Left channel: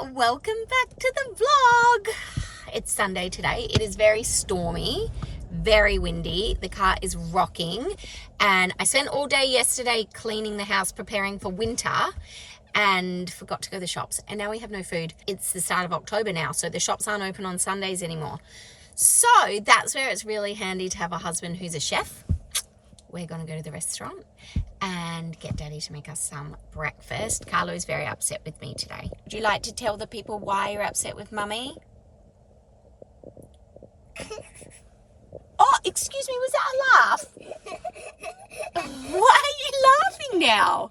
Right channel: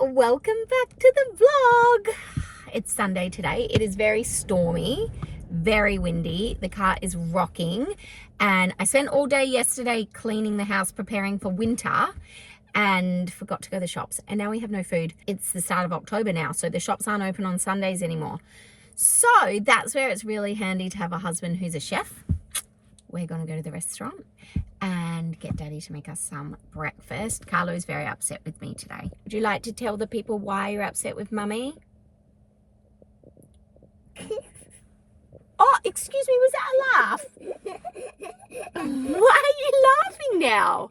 welcome back to the vlog. It's Sunday today. It is very stormy, very windy. The car is rocking, and I spent all day yesterday cleaning the house, preparing for winter, and forgot to go to the shops, and now we have no food. It's the start of October now, so the shops aren't open on Sundays anymore. So that's where it's really handy to have a husband who's a chef. We're going to go to the restaurant and get Daddy to make us some breakfast. Karlo is very upset with me today. Would you like to tell the people why you're upset with Mummy? Oh, excuse me, was that a laugh? Why are you laughing now?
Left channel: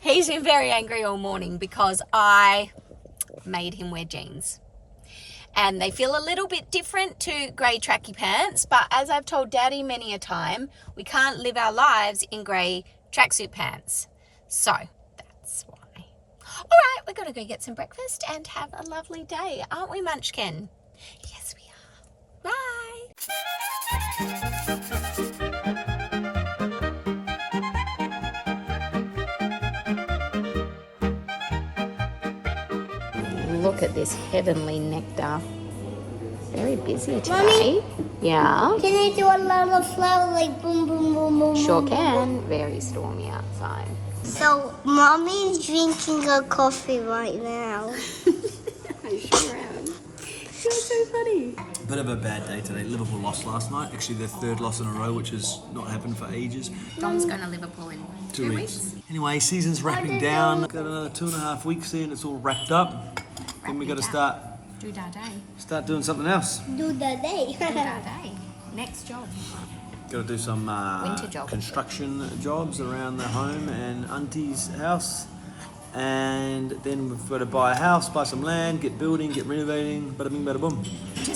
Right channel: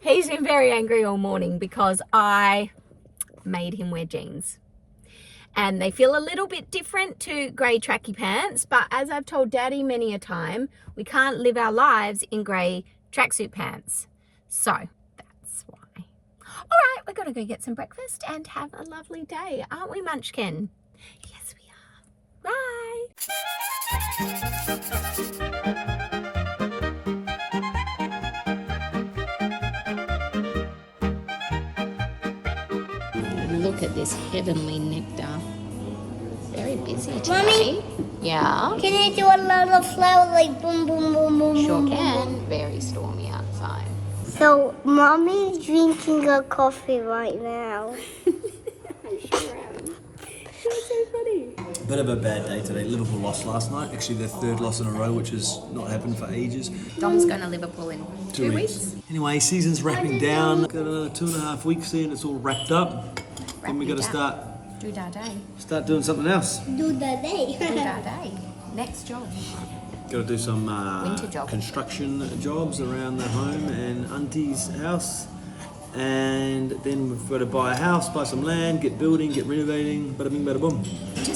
He's been very angry all morning because I made him wear jeans. And they feel a little bit different to grey tracky pants, but as I've told Daddy many a time, we can't live our lives in grey tracksuit pants. So that's why. All right, we're going to go get some breakfast and have a lovely day, aren't we, Munchkin? Yes, we are. Bye. Look at this heavenly nectar. Very busy today. Mommy? Yeah? Can you do a little flower like boom, boom, boom, boom? Sure can. Very stormy outside. So, Mommy's drinking a coffee right now. I sure am. You're so funny. Bit of a bad day today. Liverpool lost last night. Actually, their third loss in a row, which has not happened for ages. Dom's going to Liverpool in 2 weeks. Anyway, season's wrapping down. Got another 2.5 weeks in. It's all wrapped up. Then we got to start doing something else. Do the day. Next job. Got to do some Winter job. construction jobs around the home and Auntie's house. And then we've got to buy a house, buy some land, get building, get renovating, bada bing, bada boom.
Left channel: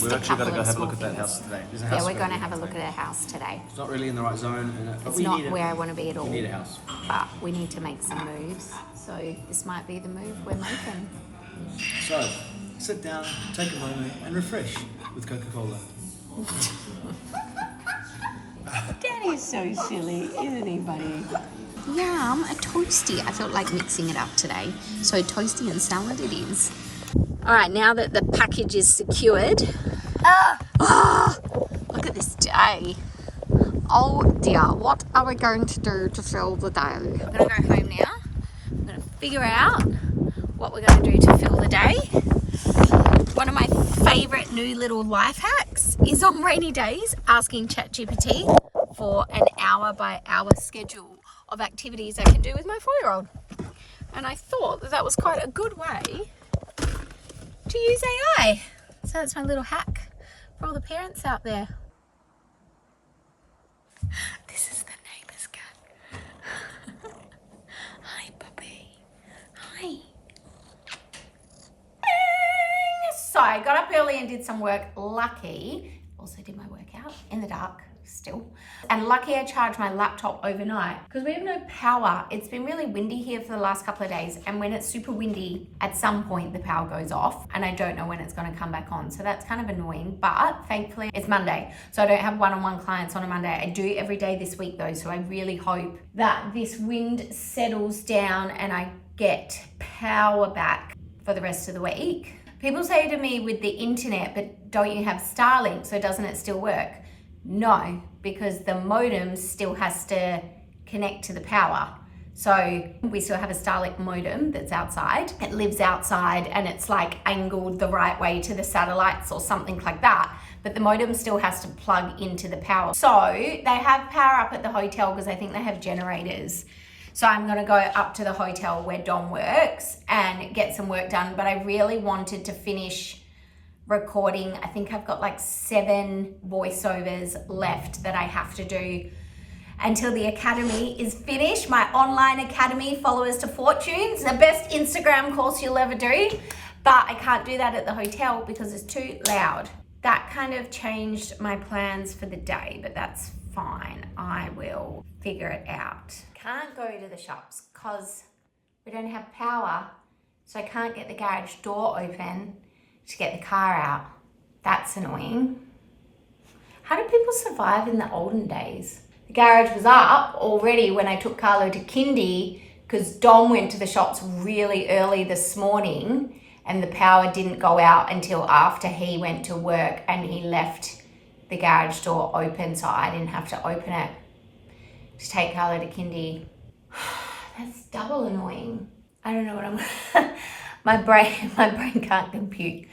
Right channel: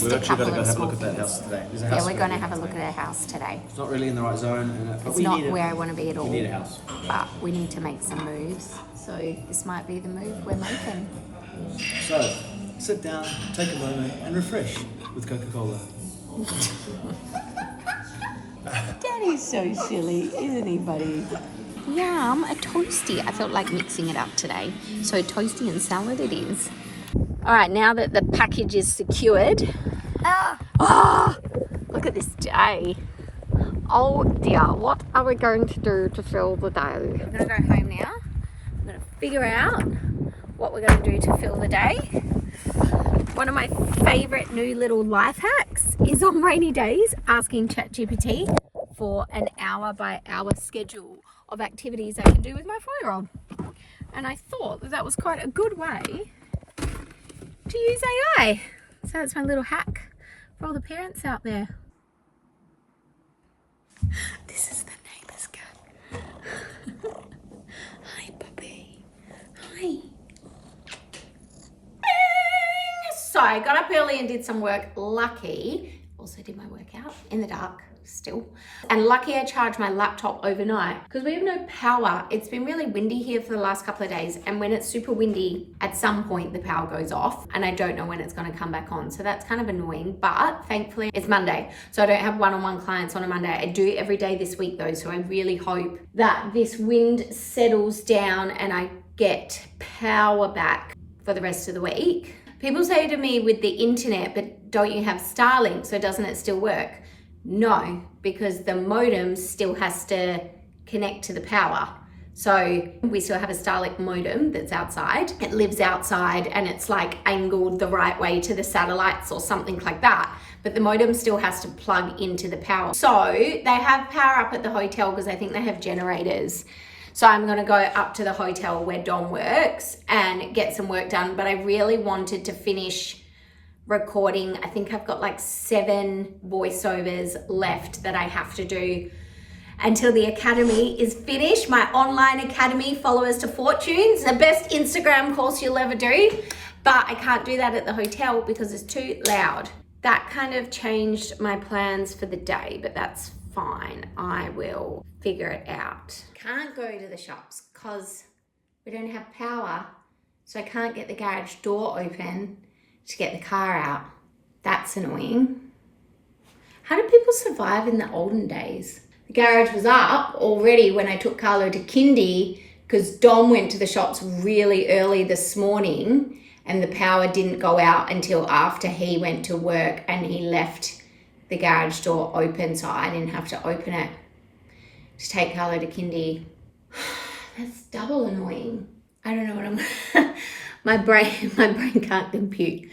We've actually got to go have a look at that house today. There's a house Yeah, we're going to have a look at our house today. It's not really in the right zone. But It's not where I want to be at all. We need a house. But we need to make some moves. So this might be the move we're making. So, sit down, take a moment, and refresh with Coca-Cola. Daddy's so silly, isn't he, buddy? Yum, a toasty. I felt like mixing it up today. So toasty and salad it is. All right, now that the package is secured. Look at this day. Oh dear, what are we going to do to fill the day? I'm going to go home now. I'm going to figure out what we're going to do to fill the day. One of my favourite new little life hacks is on rainy days asking ChatGPT for an hour-by-hour schedule of activities I can do with my 4-year-old. And I thought that was quite a good way to use AI. So that's my little hack for all the parents out there. This is the neighbour's cat. Hi, puppy. Hi. So I got up early and did some work. Lucky, also did my workout in the dark still. And lucky I charged my laptop overnight because we have no power. It's been really windy here for the last couple of days. And when it's super windy, at some point the power goes off and I don't know when it's going to come back on. So that's kind of annoying, but thankfully it's Monday. So I don't have one-on-one clients on a Monday. I do every day this week though. So I really hope that this wind settles down and I get power back for the rest of the week. People say to me with the internet, but don't you have Starlink? So doesn't it still work? No, because the modem still has to connect to the power. So we still have a Starlink modem that's outside. It lives outside and it's like angled the right way to the satellites or something like that. But the modem still has to plug into the power. So they have power up at the hotel because I think they have generators. So I'm going to go up to the hotel where Dom works and get some work done. But I really wanted to finish recording. I think I've got like 7 voiceovers left that I have to do until the academy is finished. My online academy, Followers to Fortunes, the best Instagram course you'll ever do. But I can't do that at the hotel because it's too loud. That kind of changed my plans for the day, but that's fine. I will figure it out. Can't go to the shops because we don't have power. So I can't get the garage door open to get the car out. That's annoying. How did people survive in the olden days? The garage was up already when I took Karlo to kindy because Dom went to the shops really early this morning and the power didn't go out until after he went to work, and he left the garage door open so I didn't have to open it to take Karlo to kindy. That's double annoying. I don't know what I'm... my brain can't compute.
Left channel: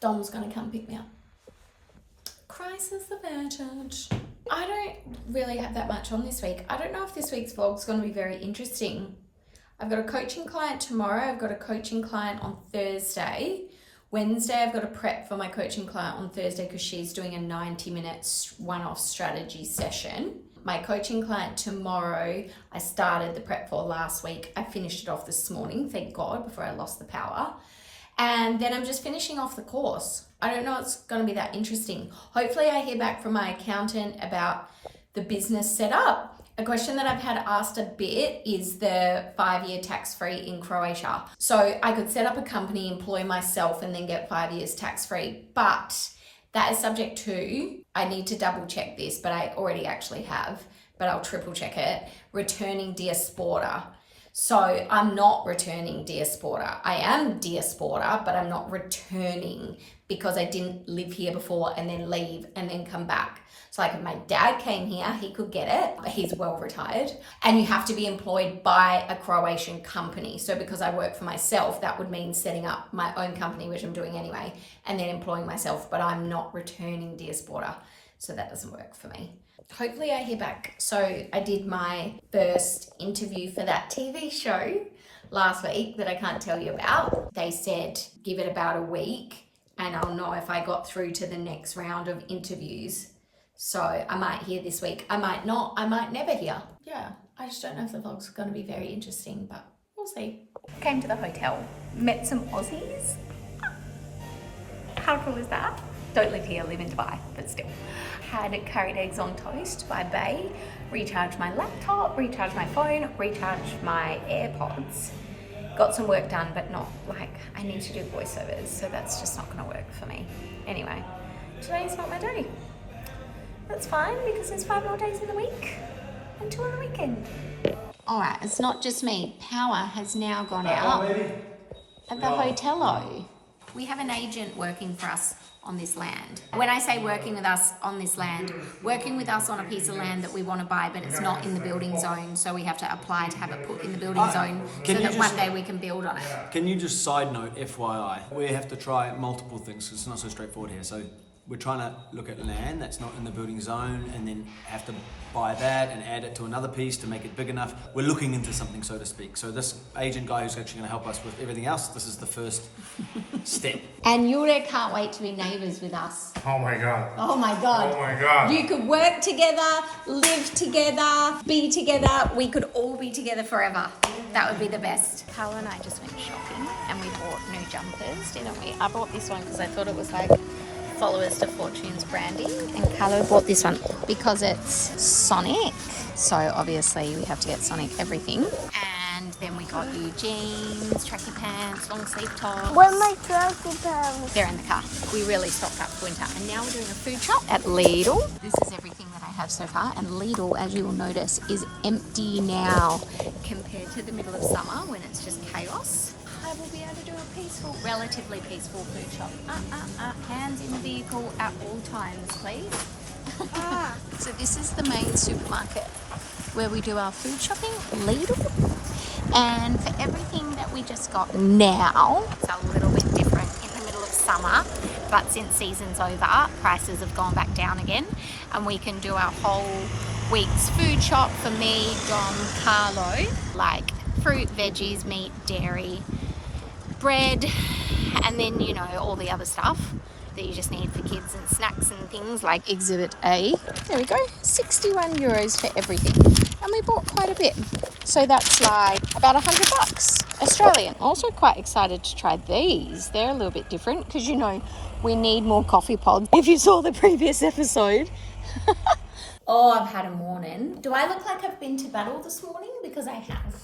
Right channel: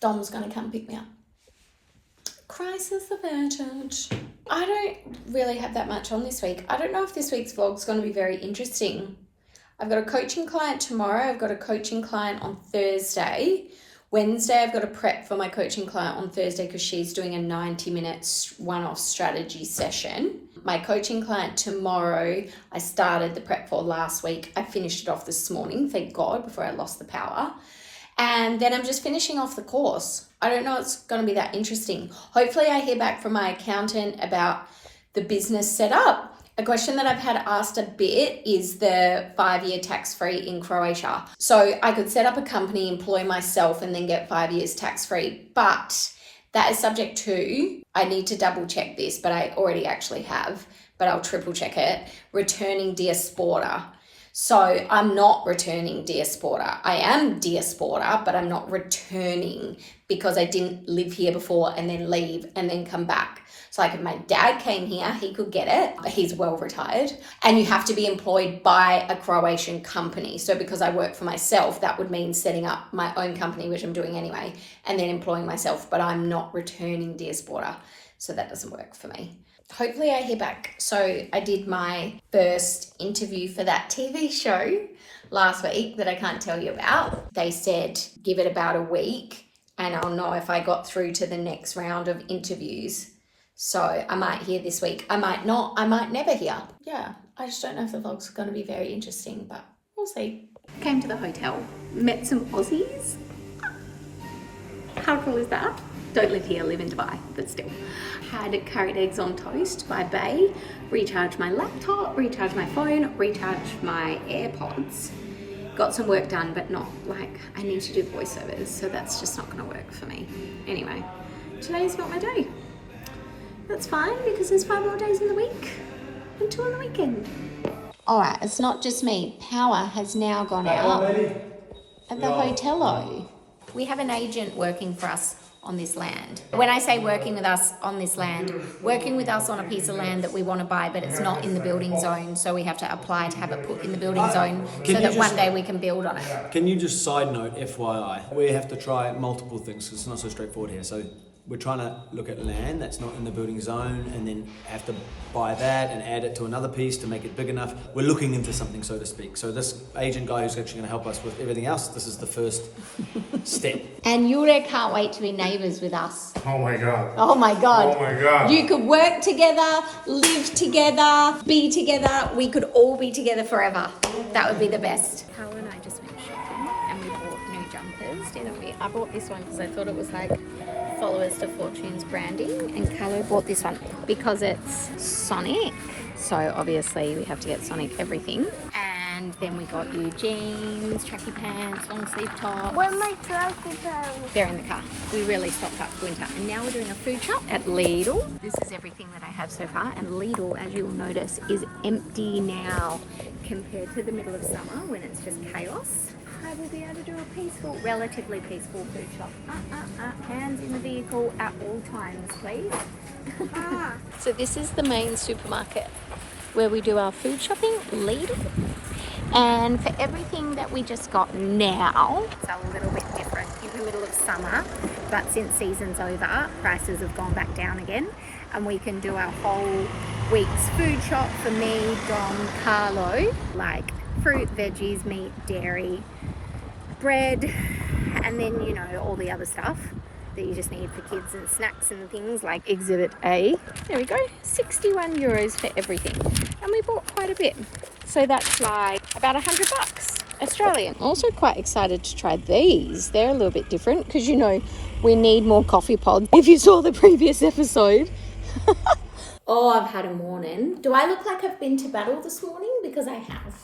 Dom's gonna come pick me up. Crisis averted. I don't really have that much on this week. I don't know if this week's vlog's gonna be very interesting. I've got a coaching client tomorrow. I've got a coaching client on Thursday. Wednesday, I've got a prep for my coaching client on Thursday because she's doing a 90-minute one-off strategy session. My coaching client tomorrow, I started the prep for last week. I finished it off this morning, thank God, before I lost the power. And then I'm just finishing off the course. I don't know it's going to be that interesting. Hopefully I hear back from my accountant about the business setup. A question that I've had asked a bit is the 5-year tax-free in Croatia. So I could set up a company, employ myself, and then get 5 years tax-free. But that is subject to, I need to double check this, but I already actually have, but I'll triple check it, returning diaspora. So I'm not returning diaspora. I am diaspora, but I'm not returning because I didn't live here before and then leave and then come back. So like if my dad came here, he could get it, but he's well retired. And you have to be employed by a Croatian company. So because I work for myself, that would mean setting up my own company, which I'm doing anyway, and then employing myself, but I'm not returning diaspora. So that doesn't work for me. Hopefully I hear back. So I did my first interview for that TV show last week that I can't tell you about. They said, give it about a week and I'll know if I got through to the next round of interviews. So I might hear this week. I might not. I might never hear. Yeah, I just don't know if the vlog's going to be very interesting, but we'll see. Came to the hotel, met some Aussies. How cool is that? Don't live here, live in Dubai, but still. Had curried eggs on toast by Bay, recharged my laptop, recharged my phone, recharged my AirPods. Got some work done, but not like I need to do voiceovers, so that's just not going to work for me. Anyway, today's not my day. That's fine because there's 5 more days in the week until the weekend. All right, it's not just me. Power has now gone out at the hotel. We have an agent working for us on this land. When I say working with us on this land, working with us on a piece of land that we want to buy, but it's not in the building zone, so we have to apply to have it put in the building zone so that one day we can build on it. Can you just side note, FYI, we have to try multiple things because it's not so straightforward here. So we're trying to look at land that's not in the building zone and then have to buy that and add it to another piece to make it big enough. We're looking into something, so to speak. So this agent guy who's actually going to help us with everything else, this is the first step. And Yure can't wait to be neighbours with us. Oh my God. Oh my God. Oh my God. You could work together, live together, be together. We could all be together forever. That would be the best. Karlo and I just went shopping and we bought new jumpers, didn't we? I bought this one because I thought it was like followers to Fortune's branding, and Karlo bought this one because it's Sonic, so obviously we have to get Sonic everything. And then we got you jeans, tracky pants, long sleeve tops. Where are my tracky pants? They're in the car. We really stocked up for winter, and now we're doing a food shop at Lidl. This is everything that I have so far, and Lidl, as you will notice, is empty now compared to the middle of summer when it's just chaos. I will be able to do a peaceful, relatively peaceful food shop. Hands in the vehicle at all times, please. So this is the main supermarket where we do our food shopping, Lidl. And for everything that we just got now, it's a little bit different in the middle of summer, but since season's over, prices have gone back down again, and we can do our whole week's food shop for me, Dom, Karlo, like fruit, veggies, meat, dairy, bread, and then, you know, all the other stuff that you just need for kids and snacks and things like Exhibit A. There we go, 61 euros for everything. And we bought quite a bit. So that's like about $100 Australian. Also quite excited to try these. They're a little bit different because, you know, we need more coffee pods. If you saw the previous episode. Oh, I've had a morning. Do I look like I've been to battle this morning? Because I have.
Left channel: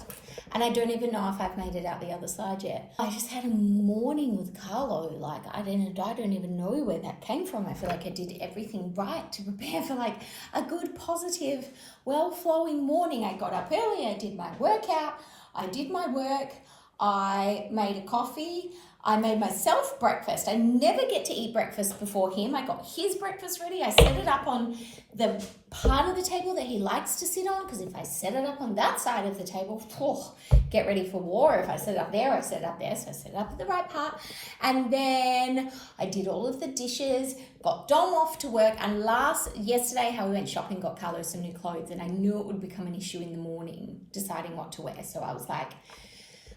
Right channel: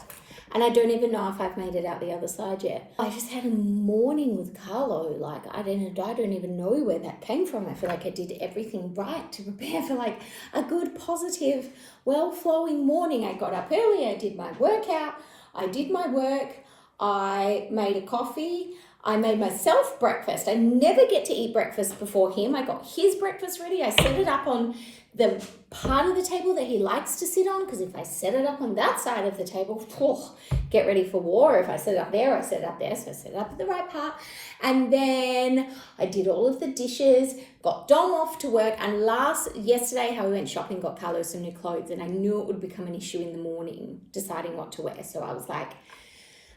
And I don't even know if I've made it out the other side yet. I just had a morning with Karlo. Like, I don't even know where that came from. I feel like I did everything right to prepare for like a good, positive well-flowing morning. I got up early, I did my workout, I did my work, I made a coffee, I made myself breakfast. I never get to eat breakfast before him. I got his breakfast ready. I set it up on the part of the table that he likes to sit on, because if I set it up on that side of the table, get ready for war. If I set it up there, I set it up there. So I set it up at the right part. And then I did all of the dishes, got Dom off to work. And yesterday, how we went shopping, got Karlo some new clothes, and I knew it would become an issue in the morning deciding what to wear. So I was like,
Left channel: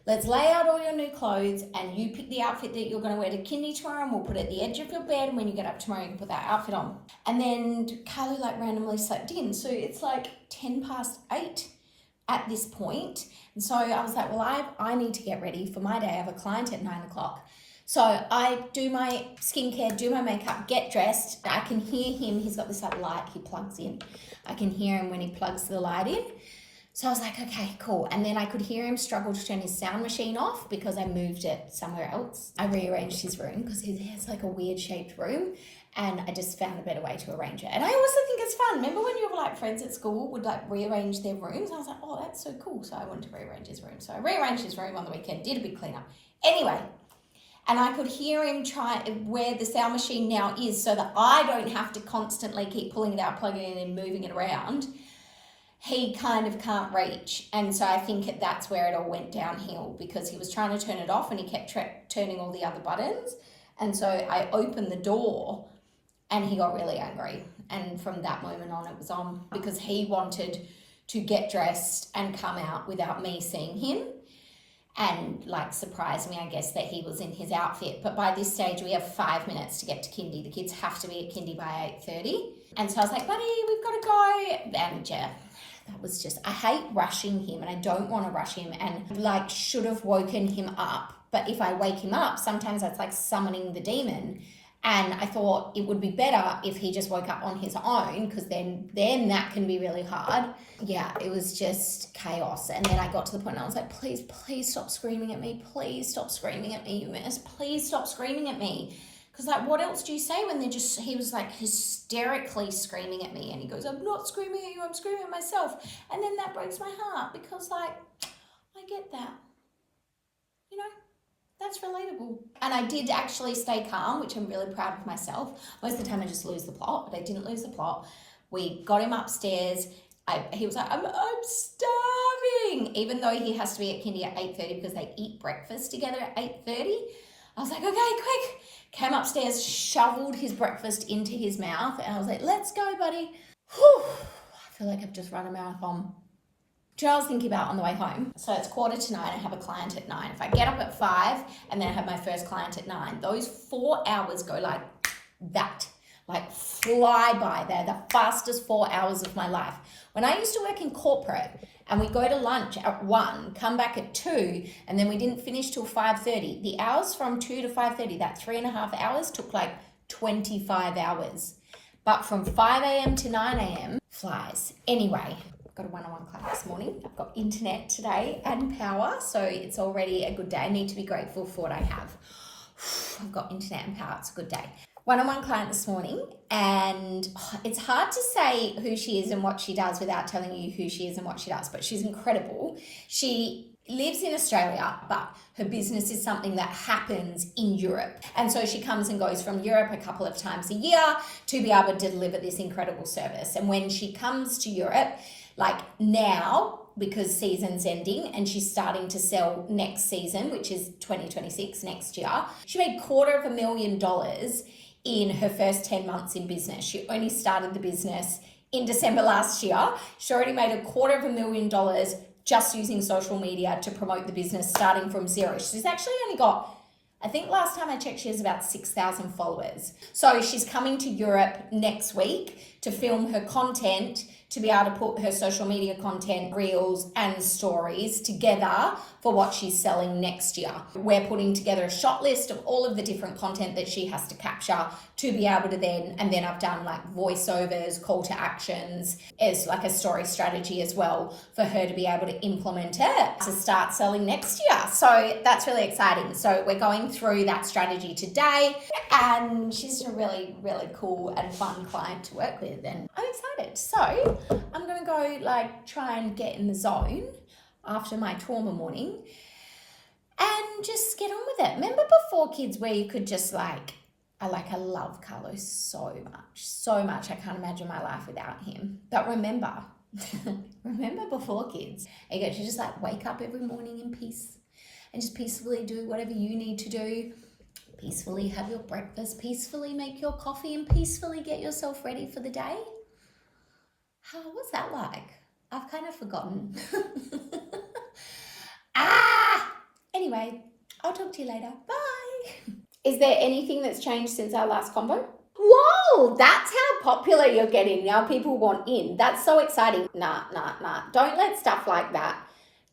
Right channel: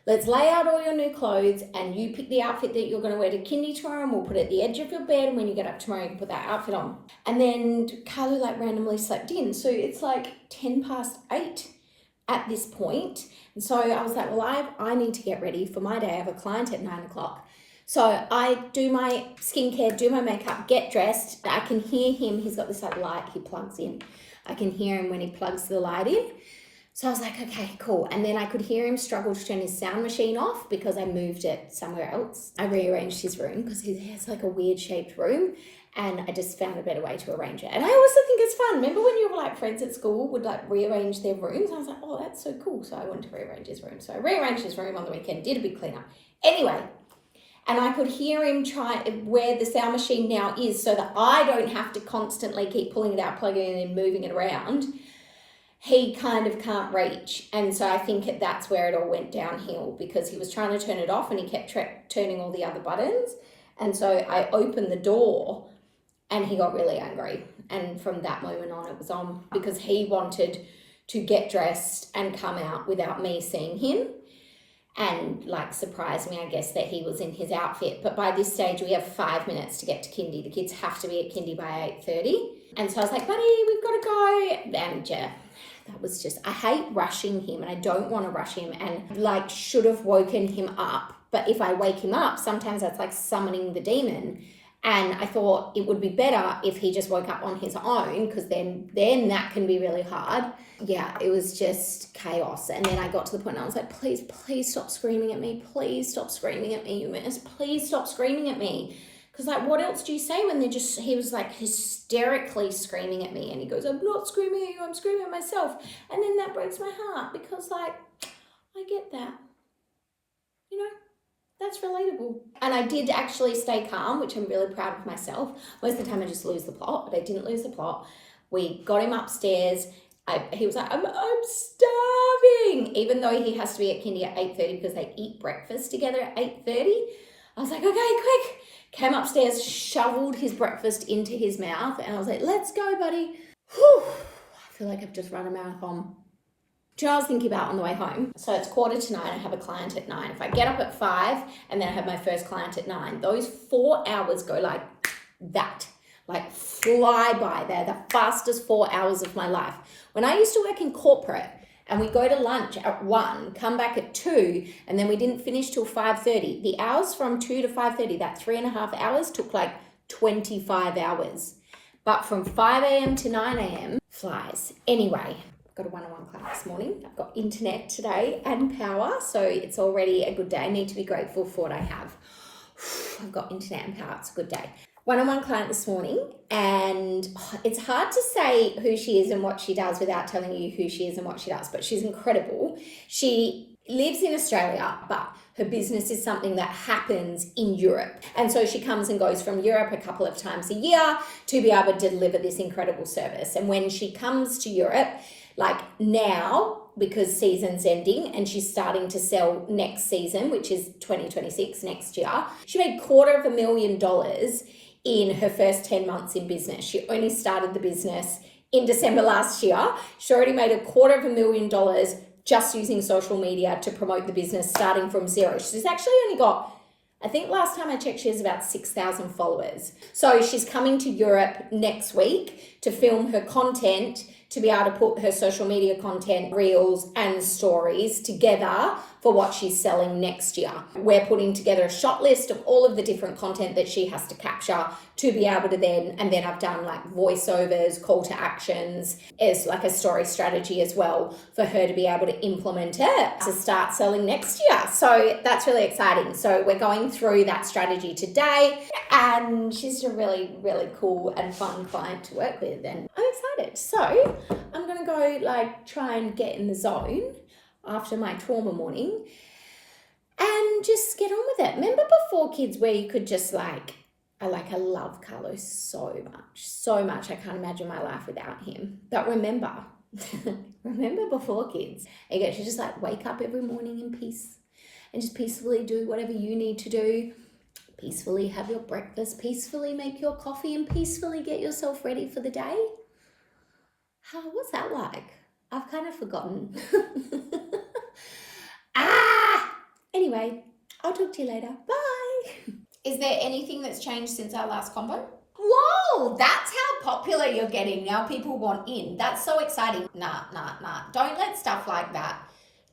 let's lay out all your new clothes and you pick the outfit that you're going to wear to kindy tomorrow, and we'll put it at the edge of your bed, and when you get up tomorrow you can put that outfit on. And then Karlo randomly slept in, so it's 8:10 at this point. And so I was like, well, I need to get ready for my day. I have a client at 9 o'clock. So I do my skincare, do my makeup, get dressed. I can hear him. He's got this light he plugs in. I can hear him when he plugs the light in. So I was like, okay, cool. And then I could hear him struggle to turn his sound machine off because I moved it somewhere else. I rearranged his room because he has a weird shaped room, and I just found a better way to arrange it. And I also think it's fun. Remember when you were friends at school would rearrange their rooms? I was like, oh, that's so cool. So I wanted to rearrange his room. So I rearranged his room on the weekend, did a big cleanup. Anyway, and I could hear him try where the sound machine now is, so that I don't have to constantly keep pulling it out, plugging it in, and moving it around. He kind of can't reach. And so I think that's where it all went downhill, because he was trying to turn it off and he kept turning all the other buttons. And so I opened the door and he got really angry. And from that moment on, it was on, because he wanted to get dressed and come out without me seeing him, and surprise me, I guess, that he was in his outfit. But by this stage, we have 5 minutes to get to kindy. The kids have to be at kindy by 8:30. And so I was like, buddy, we've got to go. And that was just, I hate rushing him, and I don't want to rush him, and should have woken him up. But if I wake him up, sometimes that's like summoning the demon. And I thought it would be better if he just woke up on his own, because then that can be really hard. Yeah, it was just chaos. And then I got to the point and I was like, please stop screaming at me. Please stop screaming at me, you miss. Please stop screaming at me. Because what else do you say when he was hysterically screaming at me, and he goes, I'm not screaming at you, I'm screaming at myself. And then that breaks my heart, because I get that, that's relatable. And I did actually stay calm, which I'm really proud of myself. Most of the time I just lose the plot, but I didn't lose the plot. We got him upstairs. He was like, I'm starving, even though he has to be at kindy at 8:30 because they eat breakfast together at 8:30. I was like, okay, quick. Came upstairs, shoveled his breakfast into his mouth, and I was like, let's go, buddy. Whew. I feel like I've just run a marathon. Do you know what I was thinking about on the way home? So it's 8:45, I have a client at 9. If I get up at 5 and then I have my first client at 9, those 4 hours go like that, fly by. They're the fastest 4 hours of my life. When I used to work in corporate, and we go to lunch at 1, come back at 2, and then we didn't finish till 5:30. The hours from 2 to 5:30, that 3.5 hours, took 25 hours. But from 5 a.m. to 9 a.m. flies. Anyway, I've got a one-on-one client this morning. I've got internet today and power, so it's already a good day. I need to be grateful for what I have. I've got internet and power. It's a good day. One-on-one client this morning, and it's hard to say who she is and what she does without telling you who she is and what she does, but she's incredible. She lives in Australia, but her business is something that happens in Europe. And so she comes and goes from Europe a couple of times a year to be able to deliver this incredible service. And when she comes to Europe, now, because season's ending and she's starting to sell next season, which is 2026, next year, she made $250,000 in her first 10 months in business. She only started the business in December last year. She already made $250,000 just using social media to promote the business, starting from zero. She's actually only got, I think last time I checked, she has about 6,000 followers. So she's coming to Europe next week to film her content, to be able to put her social media content, reels and stories together for what she's selling next year. We're putting together a shot list of all of the different content that she has to capture to be able to then I've done like voiceovers, call to actions as like a story strategy as well for her to be able to implement it to start selling next year. So that's really exciting. So we're going through that strategy today, and she's a really, really cool and fun client to work with, and I'm excited. So I'm going to go like try and get in the zone after my trauma morning and just get on with it. Remember before kids where you could just I love Karlo so much. I can't imagine my life without him. But remember before kids, you get to just like wake up every morning in peace and just peacefully do whatever you need to do. Peacefully have your breakfast, peacefully make your coffee, and peacefully get yourself ready for the day. What's that like? I've kind of forgotten. Anyway, I'll talk to you later. Bye. Is there anything that's changed since our last convo? Whoa, that's how popular you're getting. Now people want in. That's so exciting. Nah. Don't let stuff like that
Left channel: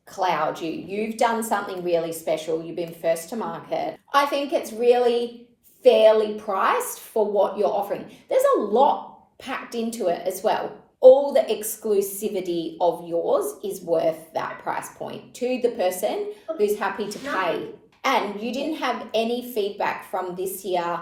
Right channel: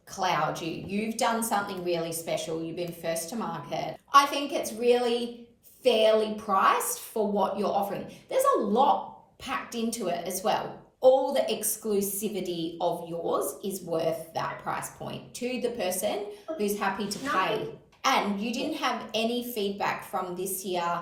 cloud you. You've done something really special. You've been first to market. I think it's really fairly priced for what you're offering. There's a lot packed into it as well. All the exclusivity of yours is worth that price point to the person who's happy to pay. And you didn't have any feedback from this year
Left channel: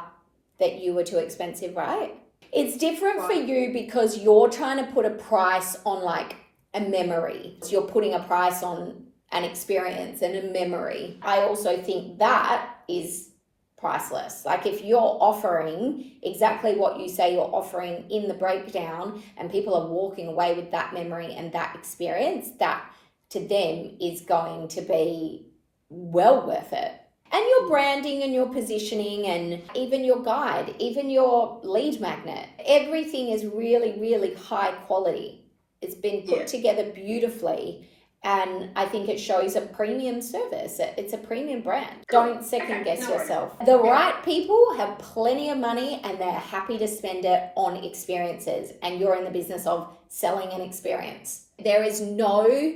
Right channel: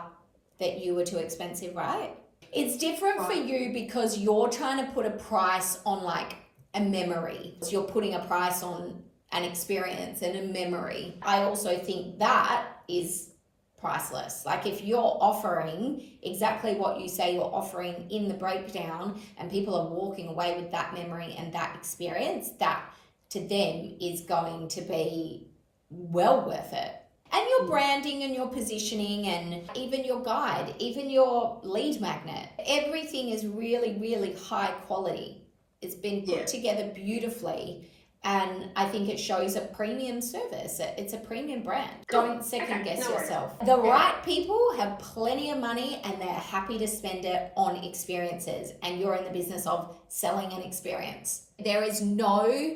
that you were too expensive, right? It's different for you because you're trying to put a price on like a memory. So you're putting a price on an experience and a memory. I also think that is priceless. Like if you're offering exactly what you say you're offering in the breakdown and people are walking away with that memory and that experience, that to them is going to be well worth it. And your branding and your positioning and even your guide, even your lead magnet, everything is really, really high quality. It's been put together beautifully. And I think it shows a premium service. It's a premium brand. Don't second guess yourself. The right people have plenty of money and they're happy to spend it on experiences. And you're in the business of selling an experience. There is no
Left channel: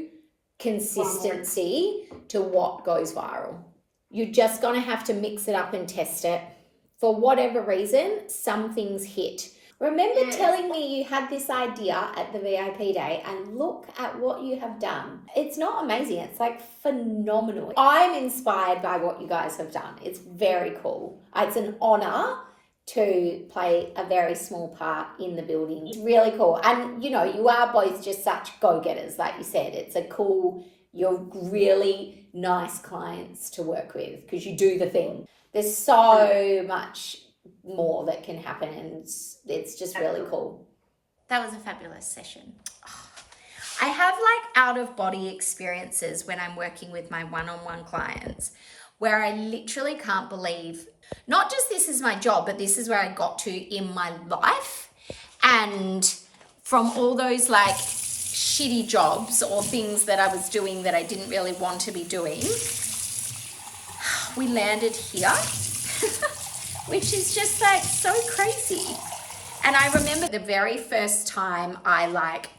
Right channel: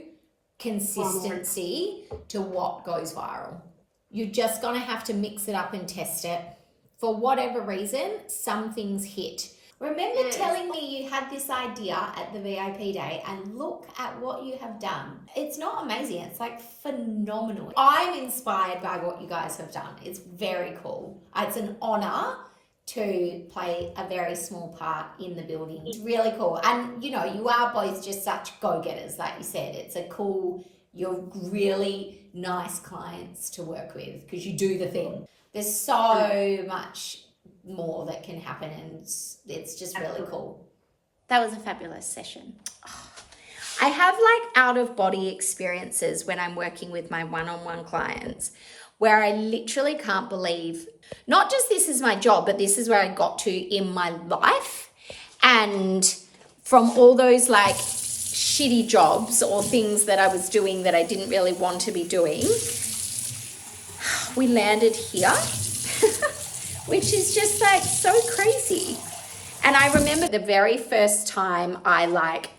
consistency to what goes viral. You're just going to have to mix it up and test it. For whatever reason, some things hit. Remember telling me you had this idea at the VIP day and look at what you have done. It's not amazing. It's like phenomenal. I'm inspired by what you guys have done. It's very cool. It's an honor to play a very small part in the building. It's really cool. And, you know, you are both just such go-getters, like you said. It's a cool, you're really nice clients to work with because you do the thing. There's so much more that can happen and it's just really cool. That was a fabulous session. I have like out of body experiences when I'm working with my one-on-one clients where I literally can't believe not just this is my job, but this is where I got to in my life. And from all those like shitty jobs or things that I was doing that I didn't really want to be doing, we landed here. Which is just like so crazy. And I remember the very first time I like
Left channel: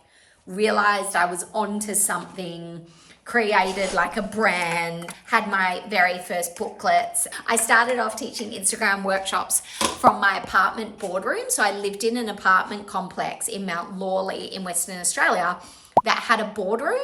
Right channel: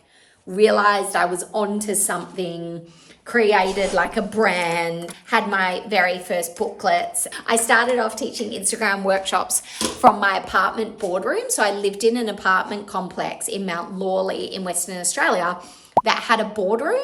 realized I was onto something, created like a brand, had my very first booklets. I started off teaching Instagram workshops from my apartment boardroom. So I lived in an apartment complex in Mount Lawley in Western Australia that had a boardroom,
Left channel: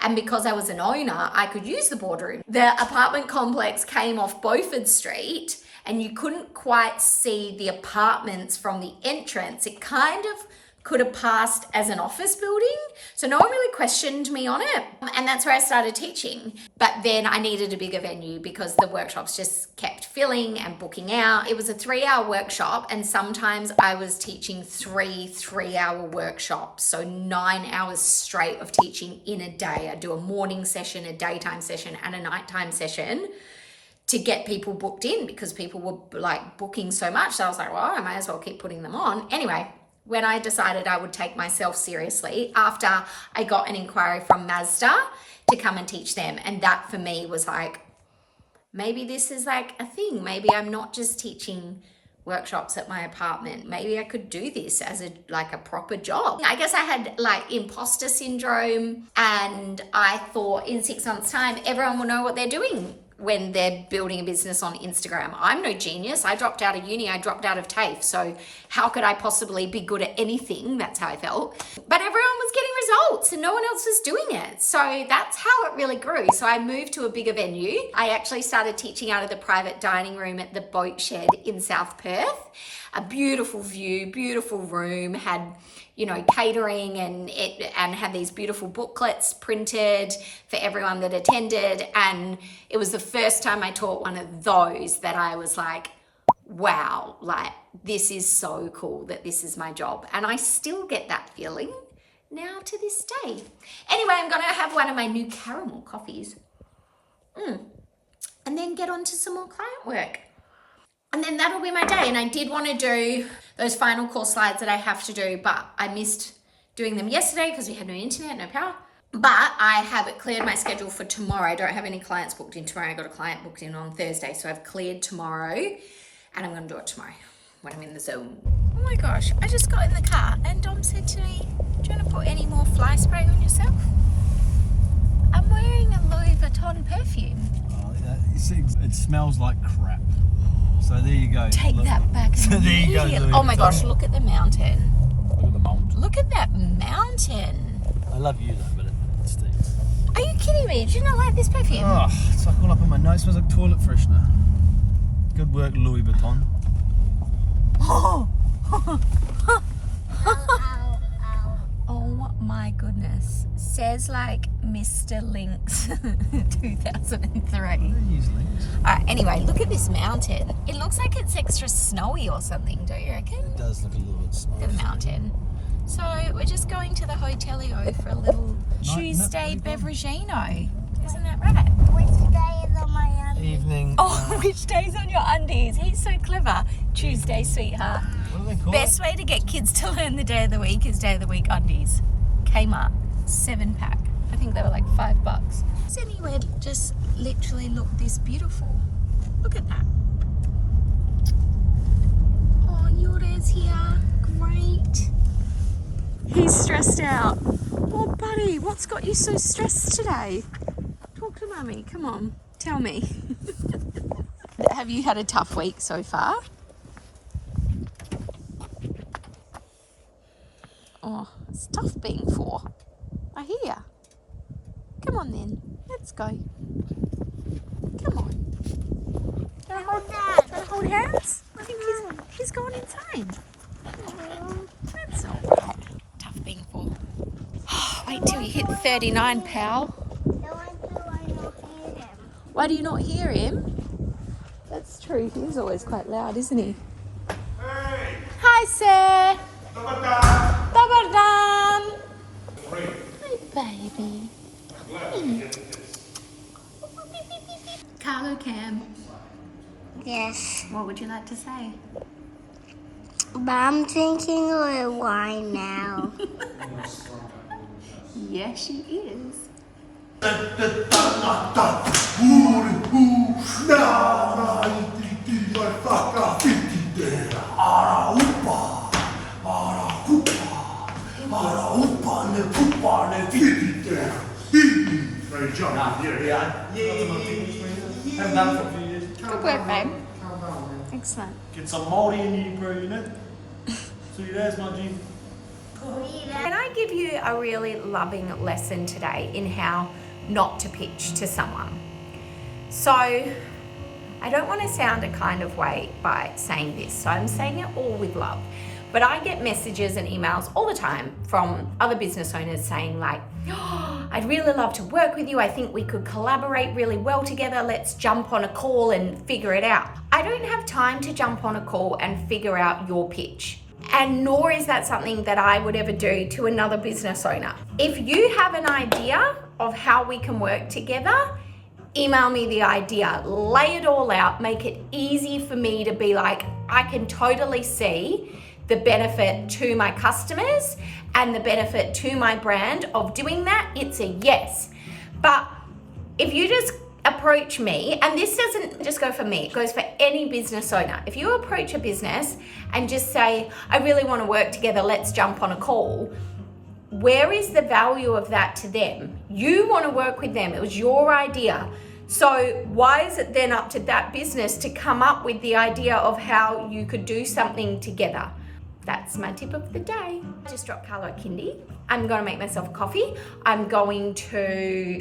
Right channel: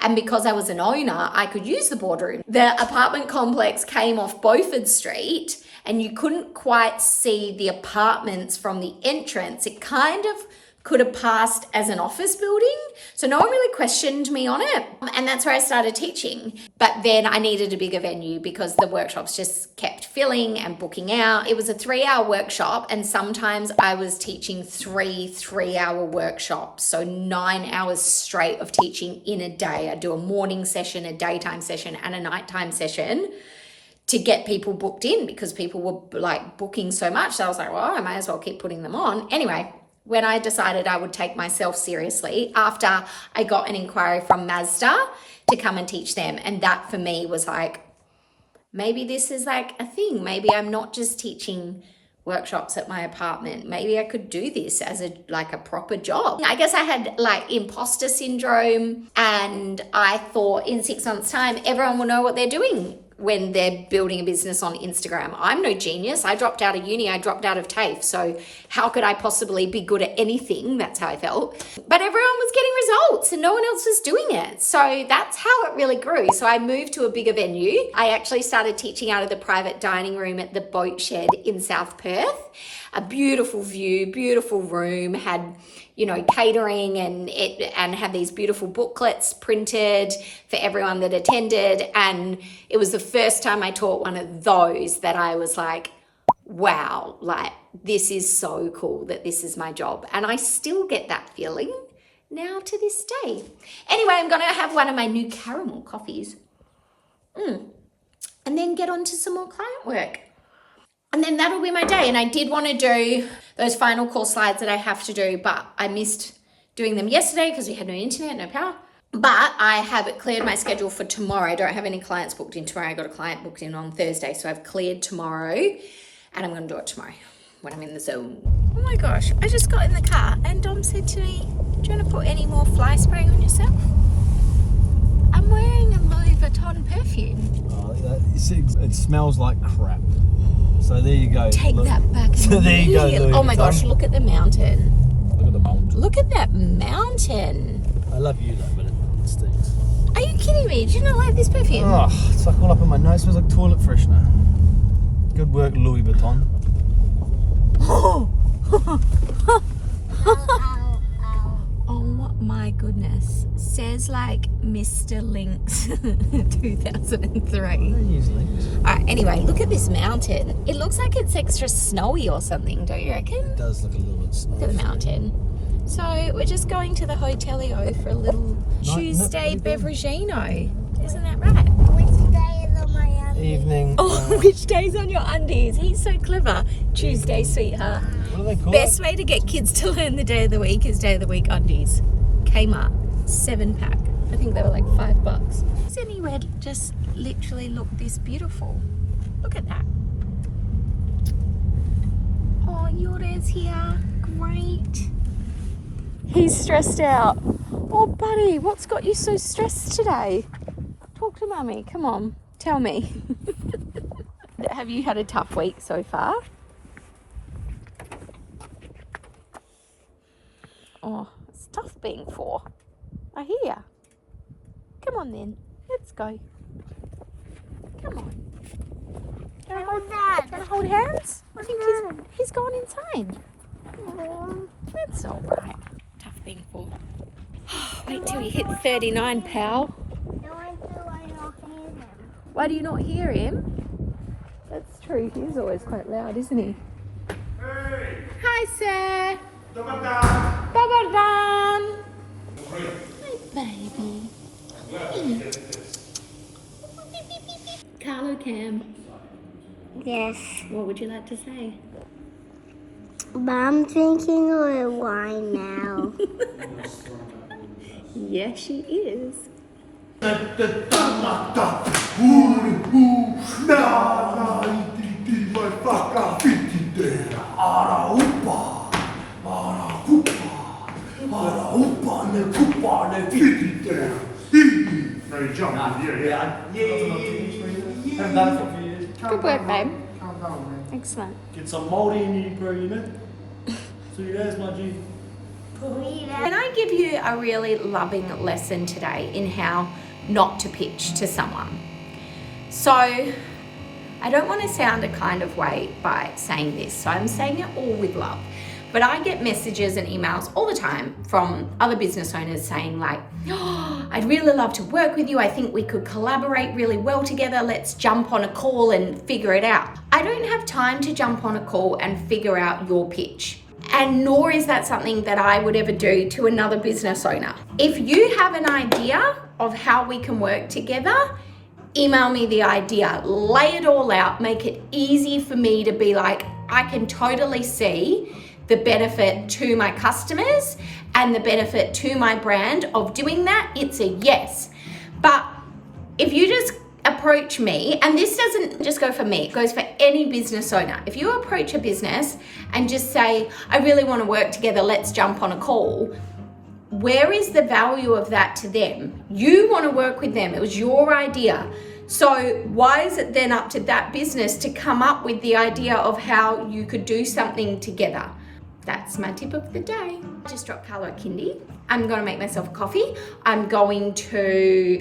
and because I was an owner, I could use the boardroom. The apartment complex came off Beaufort Street and you couldn't quite see the apartments from the entrance. It kind of could have passed as an office building. So no one really questioned me on it. And that's where I started teaching. But then I needed a bigger venue because the workshops just kept filling and booking out. It was a 3-hour workshop and sometimes I was teaching 3-hour workshops. So 9 hours straight of teaching in a day. I'd do a morning session, a daytime session and a nighttime session to get people booked in because people were like booking so much. So I was like, well, I might as well keep putting them on. Anyway, when I decided I would take myself seriously after I got an inquiry from Mazda to come and teach them. And that for me was like, maybe this is like a thing. Maybe I'm not just teaching workshops at my apartment. Maybe I could do this as a proper job. I guess I had like imposter syndrome, and I thought in 6 months' time, everyone will know what they're doing when they're building a business on Instagram. I'm no genius. I dropped out of uni. I dropped out of TAFE. So how could I possibly be good at anything? That's how I felt. But everyone was getting results and no one else was doing it. So that's how it really grew. So I moved to a bigger venue. I actually started teaching out of the private dining room at the Boat Shed in South Perth. A beautiful view, beautiful room, had, you know, catering, and had these beautiful booklets printed for everyone that attended. And it was the first time I taught one of those that I was like, wow, like this is so cool that this is my job. And I still get that feeling now to this day. Anyway, I'm gonna have one of my new caramel coffees and then get on to some more client work. And then that'll be my day. And I did want to do those final call slides that I have to do, but I missed doing them yesterday because we had no internet, no power. But I have cleared my schedule for tomorrow. I don't have any clients booked in tomorrow. I got a client booked in on Thursday. So I've cleared tomorrow and I'm going to do it tomorrow when I'm in the zone. Oh my gosh, I just got in the car and Dom said to me, do you want to put any more fly spray on yourself? I'm wearing a Louis Vuitton perfume. It smells like crap. So there you go. Take that back. So there you go. Louis Oh my Vuitton. gosh, look at the mountain. Look at the mountain. Look at that mountain. I love you though, but it stinks. Are you kidding me? Do you not like this perfume? Oh, it's like all up in my nose. Smells like toilet freshener. Good work, Louis Vuitton. Oh my goodness. Says like Mr. Lynx 2003. Use links. Alright, anyway, look at this mountain. It looks like it's extra snowy or something, don't you reckon? It does look a little bit snowy. Look at the mountain. So we're just going to the Hotelio for a little Tuesday beveragino. Isn't that right? Which day is on my Evening. Oh, which day's on your undies? He's so clever. Tuesday, sweetheart. What do they call Best it? way to get kids to learn the day of the week is day of the week undies. Kmart, 7-pack. I think they were like $5. Is anywhere just literally look this beautiful? Look at that. Oh, Yoda's here. Great. He's stressed out. Oh, buddy, what's got you so stressed today? Talk to Mummy. Come on, tell me. Have you had a tough week so far? Oh, it's tough being 4. I hear. Come on then, let's go. Come on. Gonna hold hands? I think he's gone inside. That's all right. Tough being 4. Wait till you hit 39, pal. Why do you not hear him? That's true. He's always quite loud, isn't he? Hey. Hi, sir. Dobar dan. Hi, baby. Hi. Karlo Cam. Yes. What would you like to say? But I'm drinking a little wine now. Yes, she is. Haven't done it for a few years. Good work, babe. Excellent. Get some Māori in you, bro, you know? So there's my G. Can I give you a really loving lesson today in how not to pitch to someone? So I don't want to sound a kind of way by saying this, so I'm saying it all with love. But I get messages and emails all the time from other business owners saying like, oh, I'd really love to work with you. I think we could collaborate really well together. Let's jump on a call and figure it out. I don't have time to jump on a call and figure out your pitch. And nor is that something that I would ever do to another business owner. If you have an idea of how we can work together, email me the idea, lay it all out, make it easy for me to be like, I can totally see the benefit to my customers and the benefit to my brand of doing that. It's a yes. But if you just approach me, and this doesn't just go for me, it goes for any business owner. If you approach a business and just say, I really want to work together, let's jump on a call, where is the value of that to them? You want to work with them. It was your idea. So why is it then up to that business to come up with the idea of how you could do something together? That's my tip of the day. I just dropped Karlo a kindy. I'm going to make myself a coffee. I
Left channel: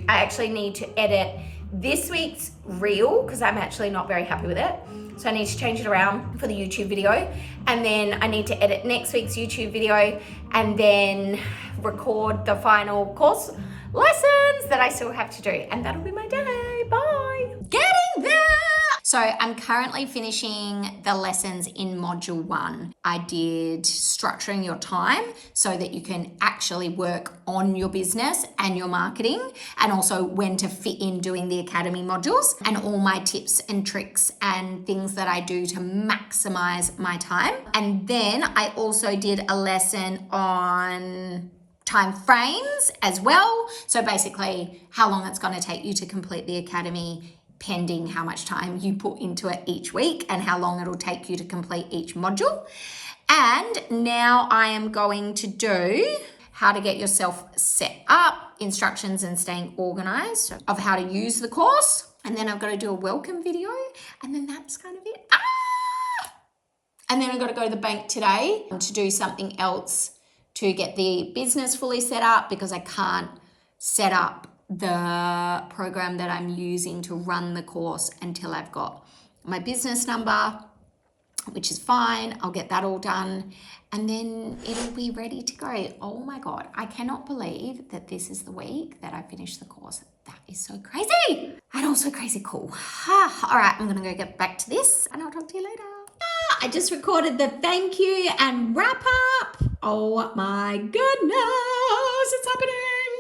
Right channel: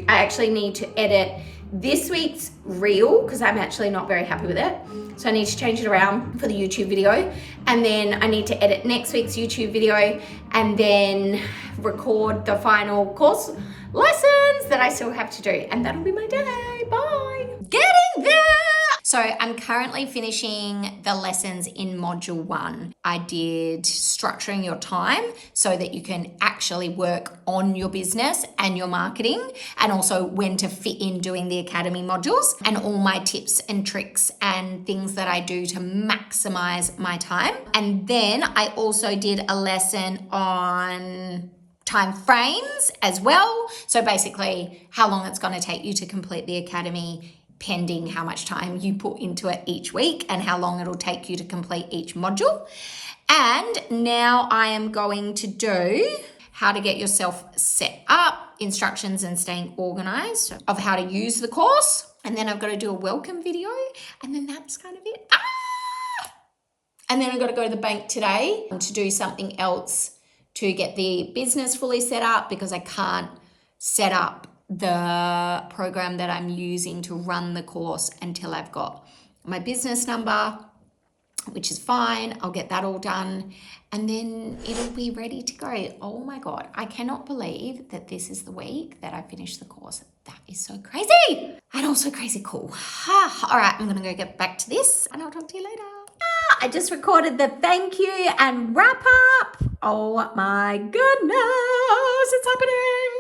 actually need to edit this week's reel because I'm actually not very happy with it. So I need to change it around for the YouTube video. And then I need to edit next week's YouTube video and then record the final course lessons that I still have to do. And that'll be my day. Bye. Getting there. So I'm currently finishing the lessons in module 1. I did structuring your time so that you can actually work on your business and your marketing, and also when to fit in doing the academy modules, and all my tips and tricks and things that I do to maximize my time. And then I also did a lesson on time frames as well. So basically how long it's going to take you to complete the academy, pending how much time you put into it each week and how long it'll take you to complete each module. And now I am going to do how to get yourself set up, instructions and staying organized of how to use the course. And then I've got to do a welcome video, and then that's kind of it. And then I've got to go to the bank today to do something else to get the business fully set up, because I can't set up the program that I'm using to run the course until I've got my business number, which is fine. I'll get that all done and then it'll be ready to go. Oh my God, I cannot believe that this is the week that I finished the course. That is so crazy and also crazy cool. All right, I'm gonna go get back to this and I'll talk to you later. I just recorded the thank you and wrap up. Oh my goodness, it's happening.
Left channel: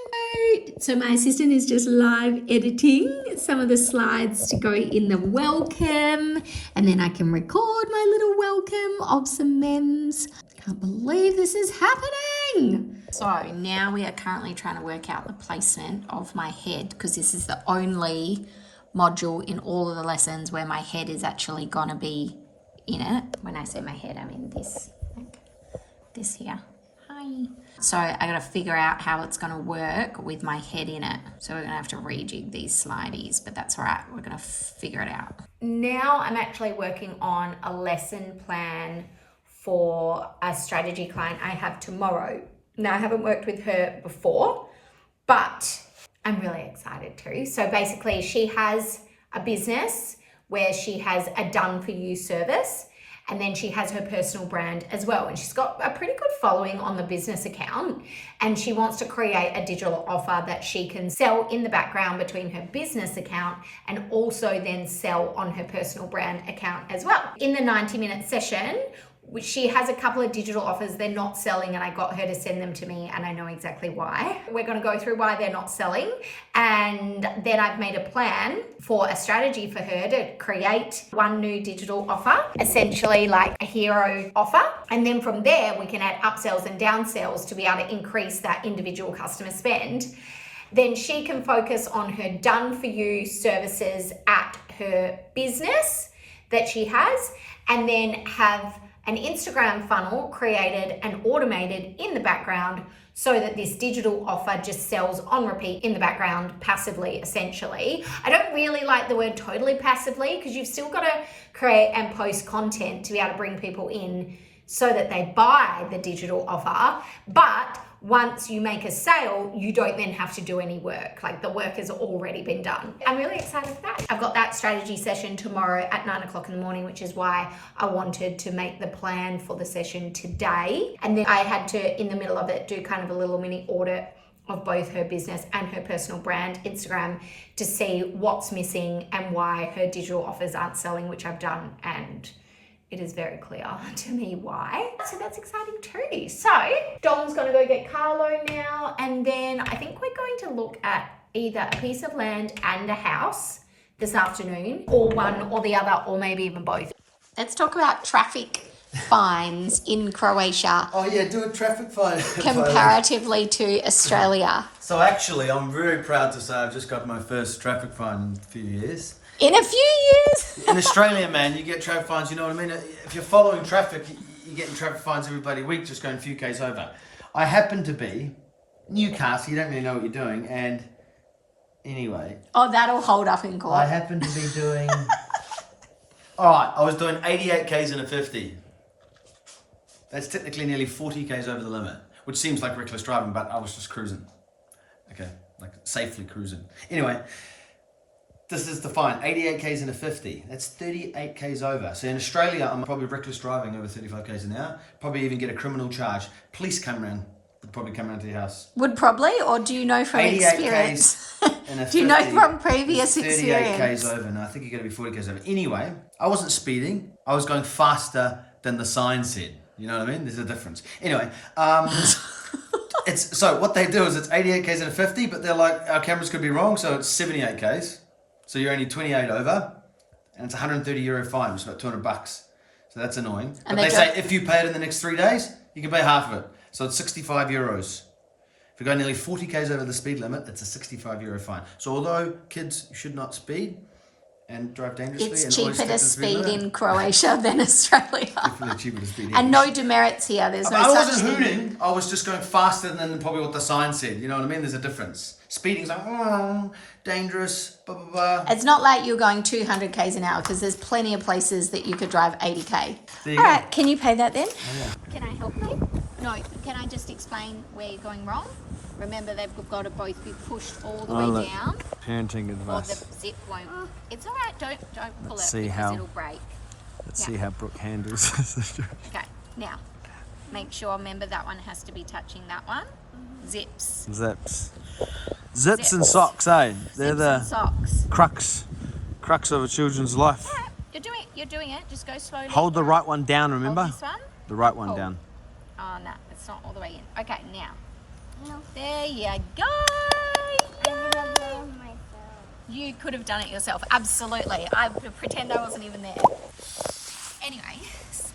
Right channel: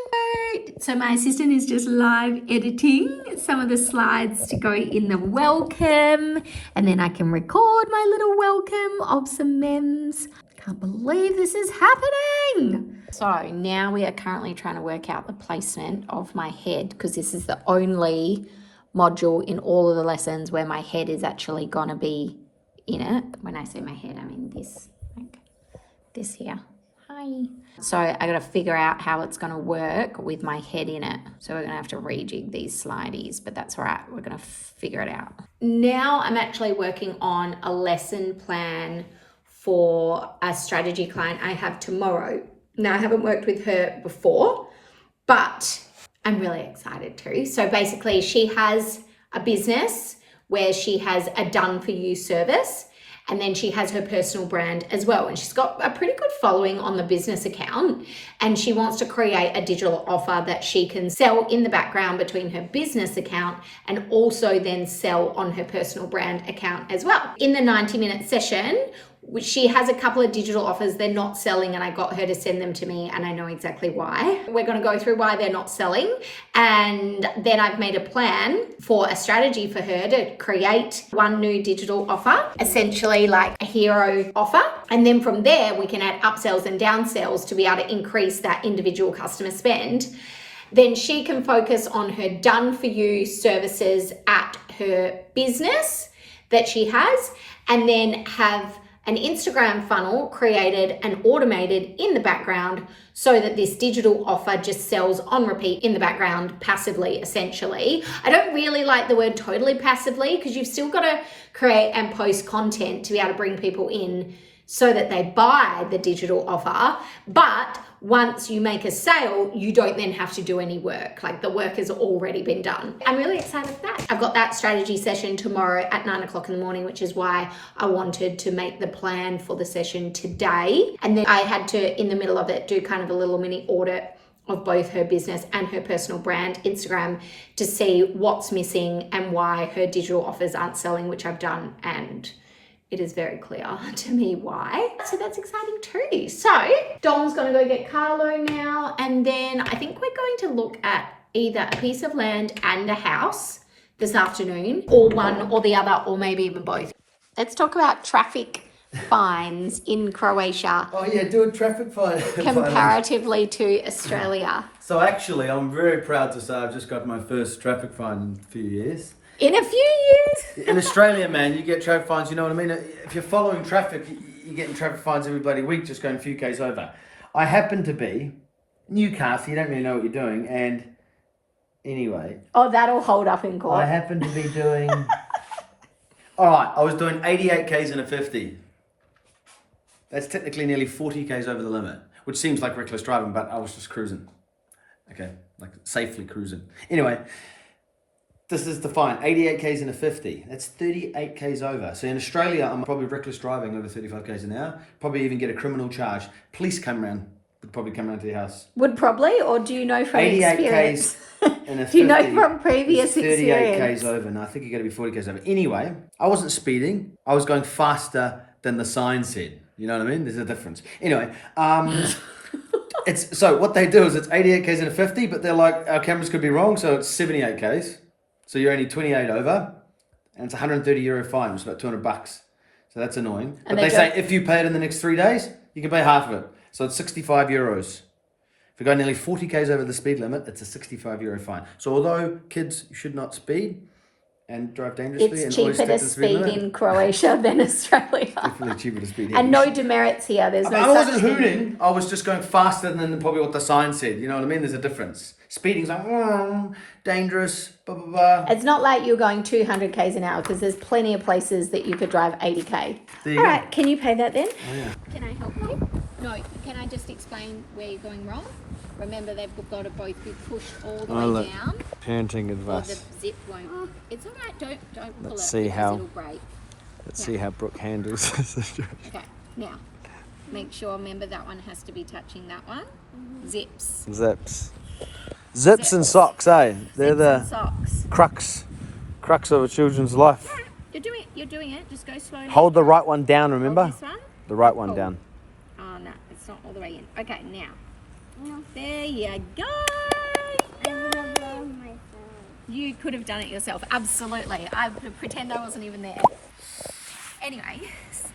So my assistant is just live editing some of the slides to go in the welcome, and then I can record my little welcome of some memes. Can't believe this is happening. So now we are currently trying to work out the placement of my head, because this is the only module in all of the lessons where my head is actually gonna be in it. When I say my head, I mean this, like this here. Hi. So I got to figure out how it's going to work with my head in it. So we're going to have to rejig these slideys, but that's all right. We're going to figure it out. Now I'm actually working on a lesson plan for a strategy client I have tomorrow. Now I haven't worked with her before, but I'm really excited too. So basically she has a business where she has a done for you service, and then she has her personal brand as well. And she's got a pretty good following on the business account, and she wants to create a digital offer that she can sell in the background between her business account and also then sell on her personal brand account as well. In the 90-minute session, which she has a couple of digital offers they're not selling, and I got her to send them to me, and I know exactly why. We're going to go through why they're not selling, and then I've made a plan for a strategy for her to create one new digital offer, essentially like a hero offer, and then from there we can add upsells and downsells to be able to increase that individual customer spend. Then she can focus on her done for you services at her business that she has, and then have an Instagram funnel created and automated in the background so that this digital offer just sells on repeat in the background passively, essentially. I don't really like the word totally passively, because you've still got to create and post content to be able to bring people in so that they buy the digital offer. But once you make a sale, you don't then have to do any work. Like, the work has already been done. I'm really excited for that. I've got that strategy session tomorrow at 9 o'clock in the morning, which is why I wanted to make the plan for the session today. And then I had to, in the middle of it, do kind of a little mini audit of both her business and her personal brand Instagram to see what's missing and why her digital offers aren't selling, which I've done, and it is very clear to me why. So that's exciting too. So Dom's gonna go get Karlo now, and then I think we're going to look at either a piece of land and a house this afternoon, or one or the other, or maybe even both. Let's talk about traffic fines in Croatia Oh yeah, do a traffic fine. comparatively to Australia? So actually, I'm very proud to say I've just got my first traffic fine in a few years. In a few years? In Australia, man, you get traffic fines, you know what I mean? If you're following traffic, you're getting traffic fines every bloody week just going a few Ks over. I happen to be Newcastle, you don't really know what you're doing, and anyway. Oh, that'll hold up in court. I happen to be doing... Alright, I was doing 88 Ks in a 50. That's technically nearly 40 Ks over the limit, which seems like reckless driving, but I was just cruising. Okay, like safely cruising. Anyway, this is the fine, 88 Ks in a 50. That's 38 Ks over. So in Australia, I'm probably reckless driving over 35 Ks an hour. Probably even get a criminal charge. Police come around, would probably come around to your house. Would probably, or do you know from 88 experience? Ks in a 50. Do you know from previous 38 experience? Ks over. No, I think you got to be 40 Ks over. Anyway, I wasn't speeding. I was going faster than the sign said. You know what I mean? There's a difference. Anyway, it's so what they do is it's 88 Ks in a 50, but they're like, our cameras could be wrong, so it's 78 Ks. So you're only 28 over, and it's €130 fine, which is about $200. So that's annoying. But they say if you pay it in the next 3 days, you can pay half of it. So it's €65. If you go nearly 40 Ks over the speed limit, it's a €65 fine. So although kids should not speed and drive dangerously, It's and always cheaper to stick the speed limit, in Croatia than Australia. definitely cheaper to speed. And no demerits here. There's no I such wasn't thing. hooting. I was just going faster than probably what the sign said. You know what I mean? There's a difference. Speeding's like, dangerous, blah, blah, blah. It's not like you're going 200 Ks an hour because there's plenty of places that you could drive 80K. There you All go. right, can you pay that then? Oh, yeah. Can I help you? No, can I just explain where you're going wrong? Remember, they've got to both be pushed all the way down. Parenting Or advice. the zip won't. It's all right. Don't pull Let's it see because how- it'll break. Let's see how Brooke handles this. Okay, now make sure. Remember that one has to be touching that one. Zips. Zips and socks, eh? They're Zips the and socks. crux of a children's life. All right, you're doing it. Just go slowly. Hold the right one down, remember? Hold this one. The right one Cool. down. Oh no, it's not all the way in. Okay, now. There you go. I would have done myself. You could have done it yourself. Absolutely. I pretend I wasn't even there. Anyway, so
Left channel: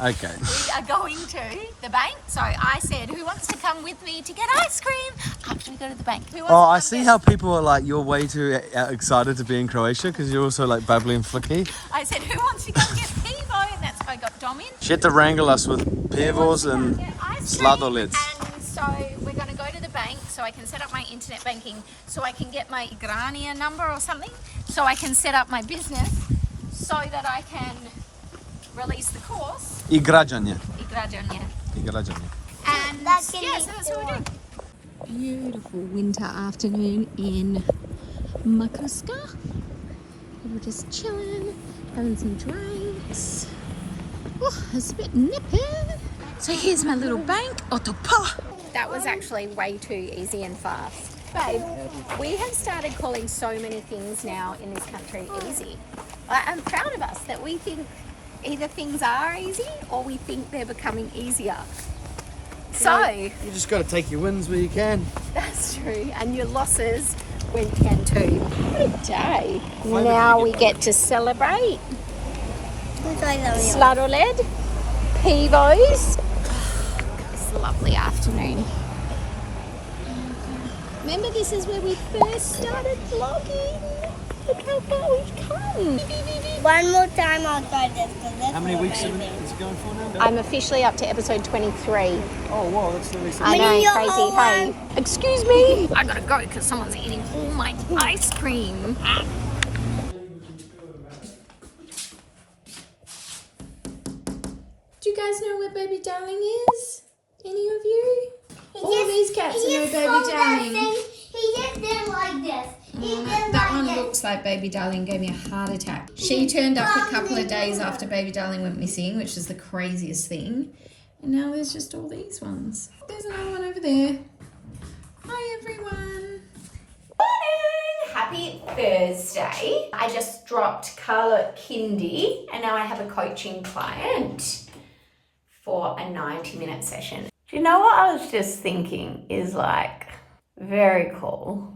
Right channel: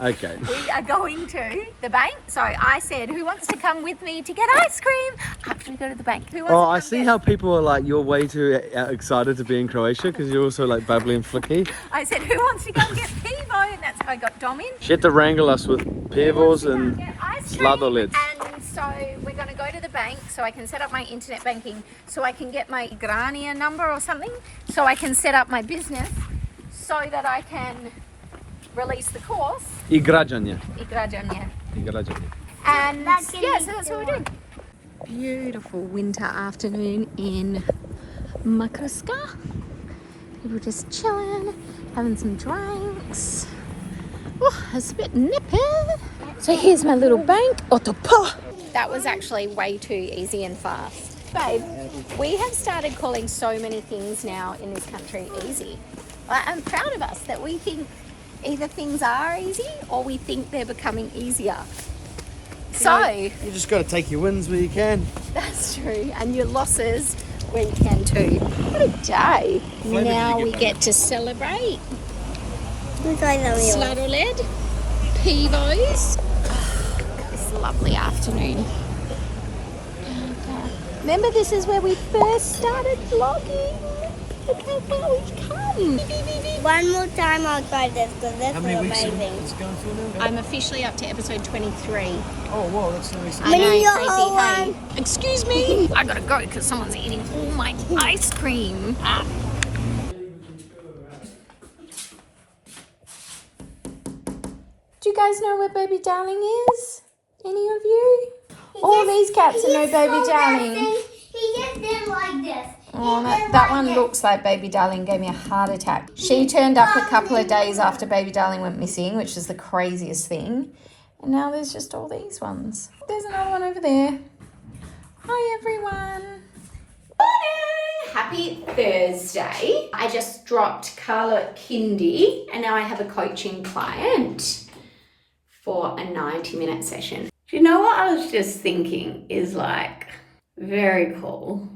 Okay. we are going to the bank. So I said, who wants to come with me to get ice cream after we go to the bank? Who wants Oh, to I come see get- how people are like, you're way too excited to be in Croatia because you're also like bubbly and flicky. I said, who wants to come get Pivo? And that's how I got Dom in. She had to wrangle us with pivos and Get ice cream. sladoleds. And so we're going to go to the bank so I can set up my internet banking, so I can get my Grania number or something, so I can set up my business, so that I can release the course. I građanje. And That can yeah, be so that's what we're done. doing. Beautiful winter afternoon in Makuska. People just chilling, having some drinks. Oh, it's a bit nippy. So here's my little bank. Otopa. That was actually way too easy and fast. Babe, we have started calling so many things now in this country easy. I'm proud of us that we think either things are easy or we think they're becoming easier. So, You just got to take your wins where you can. that's true. And your losses where you can too. What a day. Now we get to celebrate. Who's going to wheel? Sladoled, Pivos. This lovely afternoon. Remember, this is where we first started vlogging. Look how far we've come. One more time I'll try this because that's How many weeks amazing. is it going for now? I'm officially up to episode 23. Oh, wow, that's the recent. I know, You're crazy, all hey. Excuse me. I gotta go because someone's eating all my ice cream. Do you guys know where baby darling is? Any of you? All these cats are no baby darling. He just did like this. Oh, no, that one looks like baby darling gave me a heart attack. She turned up a couple of days after baby darling went missing, which is the craziest thing. And now there's just all these ones. There's another one over there. Hi everyone. Morning! Happy Thursday. I just dropped Karlo at kindy and now I have a coaching client for a 90-minute session. Do you know what I was just thinking is like very cool?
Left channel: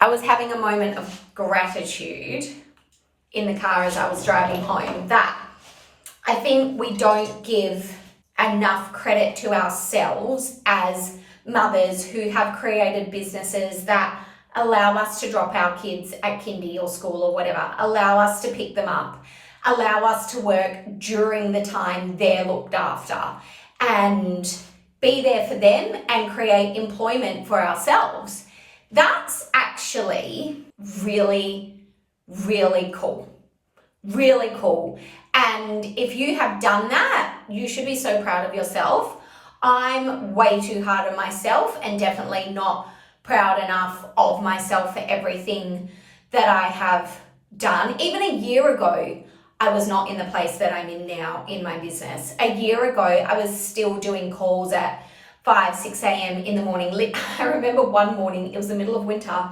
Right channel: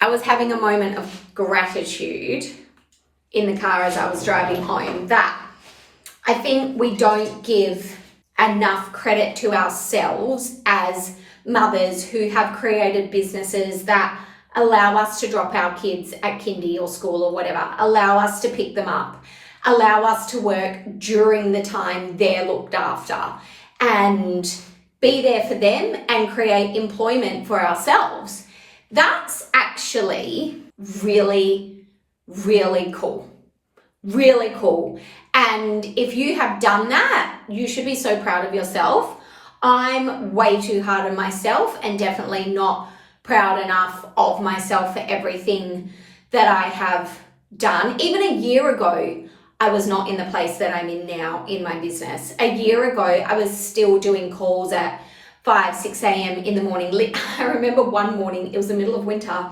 I was having a moment of gratitude in the car as I was driving home that I think we don't give enough credit to ourselves as mothers who have created businesses that allow us to drop our kids at kindy or school or whatever, allow us to pick them up, allow us to work during the time they're looked after, and be there for them and create employment for ourselves. That's actually really, really cool. Really cool. And if you have done that, you should be so proud of yourself. I'm way too hard on myself and definitely not proud enough of myself for everything that I have done. Even a year ago, I was not in the place that I'm in now in my business. A year ago, I was still doing calls at 5, 6 a.m. in the morning. I remember one morning, it was the middle of winter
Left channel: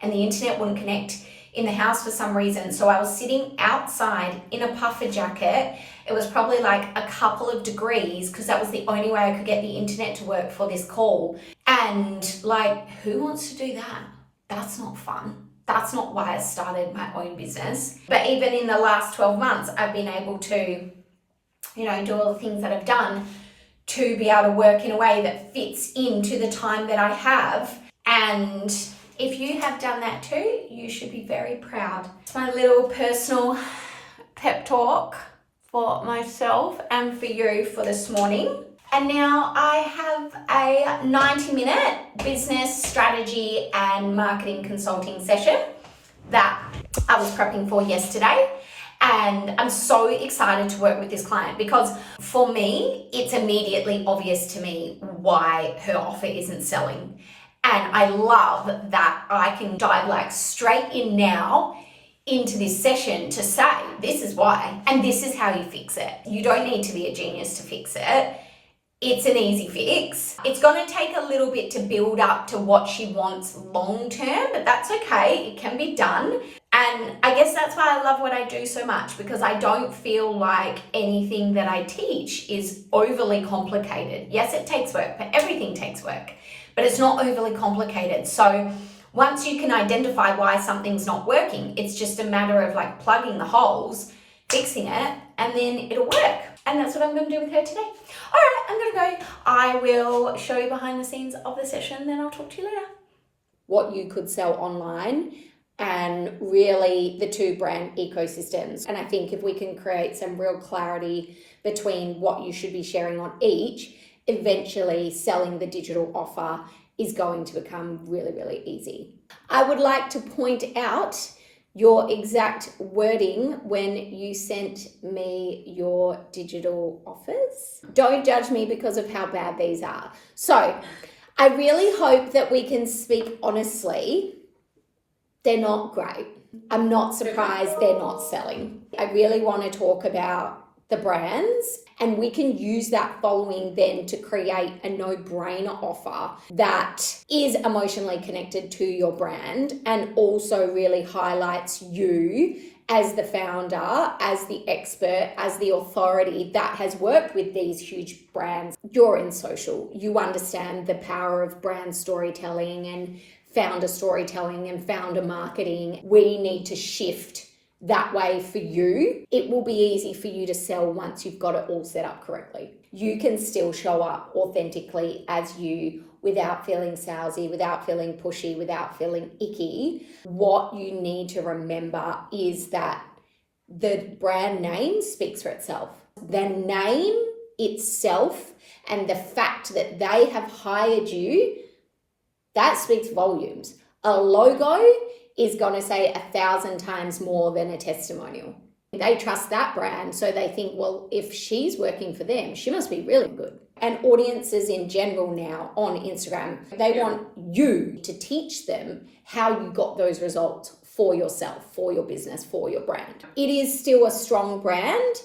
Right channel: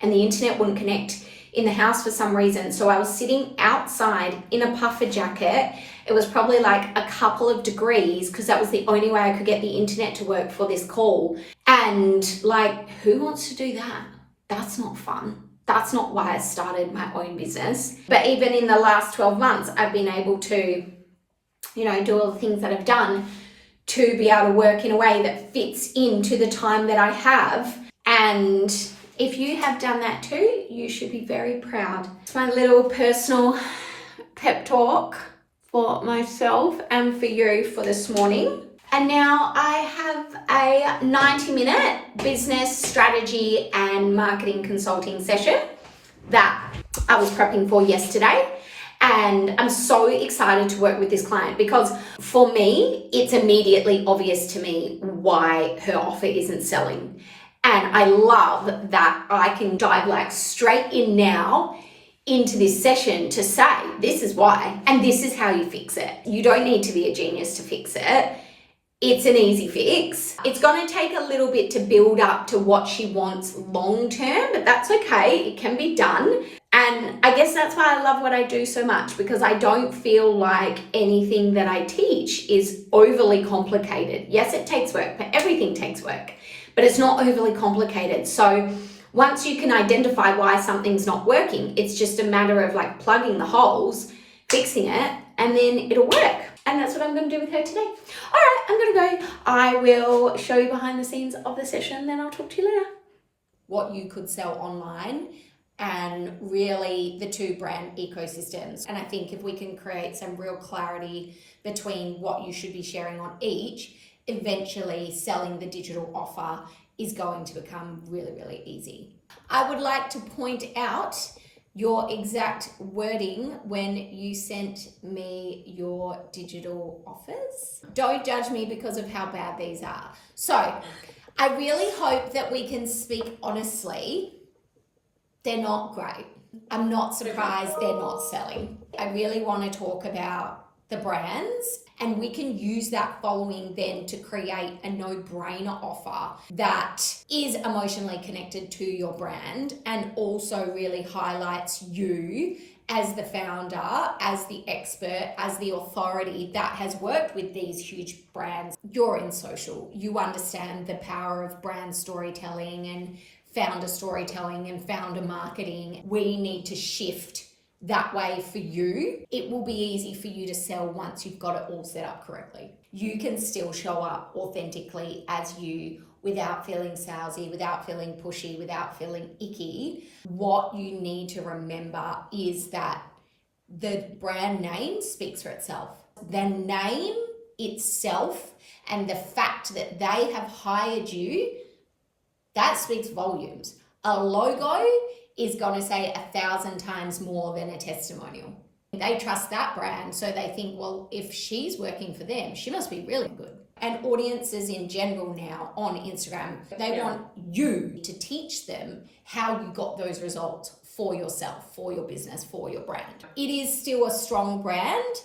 and the internet wouldn't connect in the house for some reason. So I was sitting outside in a puffer jacket. It was probably like a couple of degrees because that was the only way I could get the internet to work for this call. And like, who wants to do that? That's not fun. That's not why I started my own business. But even in the last 12 months, I've been able to, do all the things that I've done to be able to work in a way that fits into the time that I have. And if you have done that too, you should be very proud. It's my little personal pep talk for myself and for you for this morning. And now I have a 90-minute business strategy and marketing consulting session that I was prepping for yesterday. And I'm so excited to work with this client because for me, it's immediately obvious to me why her offer isn't selling. And I love that I can dive like straight in now into this session to say, this is why, and this is how you fix it. You don't need to be a genius to fix it. It's an easy fix. It's going to take a little bit to build up to what she wants long term, but that's okay. It can be done. And I guess that's why I love what I do so much, because I don't feel like anything that I teach is overly complicated. Yes, it takes work, but everything takes work, but it's not overly complicated. So once you can identify why something's not working, it's just a matter of like plugging the holes, fixing it, and then it'll work. And that's what I'm going to do with her today. All right, I'm going to go. I will show you behind the scenes of the session, then I'll talk to you later. What you could sell online and really the two brand ecosystems. And I think if we can create some real clarity between what you should be sharing on each, eventually selling the digital offer is going to become really, really easy. I would like to point out your exact wording when you sent me your digital offers. Don't judge me because of how bad these are. So I really hope that we can speak honestly. They're not great. I'm not surprised they're not selling. I really want to talk about the brands, and we can use that following then to create a no-brainer offer that is emotionally connected to your brand and also really highlights you as the founder, as the expert, as the authority that has worked with these huge brands. You're in social. You understand the power of brand storytelling and founder storytelling and founder marketing. We need to shift that way for you. It will be easy for you to sell once you've got it all set up correctly. You can still show up authentically as you without feeling salesy, without feeling pushy, without feeling icky. What you need to remember is that the brand name speaks for itself. The name itself and the fact that they have hired you, that speaks volumes. A logo is going to say 1,000 times more than a testimonial. They trust that brand, so they think, well, if she's working for them, she must be really good. And audiences in general now on Instagram, they want you to teach them how you got those results for yourself, for your business, for your brand. It is still a strong brand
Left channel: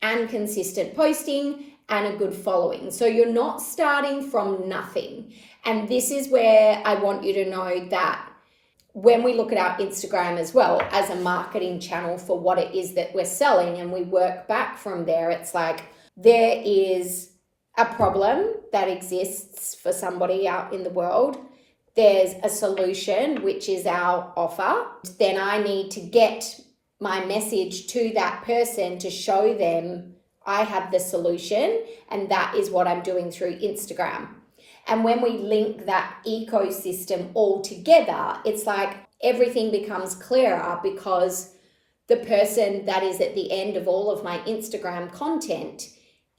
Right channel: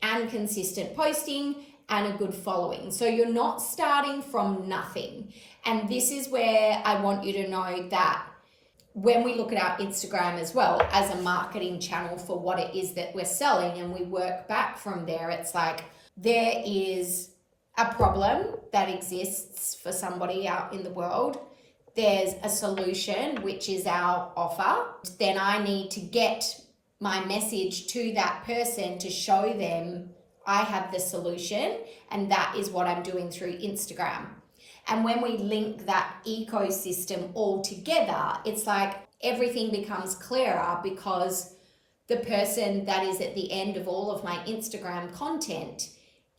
and consistent posting and a good following. So you're not starting from nothing. And this is where I want you to know that when we look at our Instagram as well as a marketing channel for what it is that we're selling and we work back from there, it's like there is a problem that exists for somebody out in the world. There's a solution, which is our offer. Then I need to get my message to that person to show them, I have the solution, and that is what I'm doing through Instagram. And when we link that ecosystem all together, it's like everything becomes clearer, because the person that is at the end of all of my Instagram content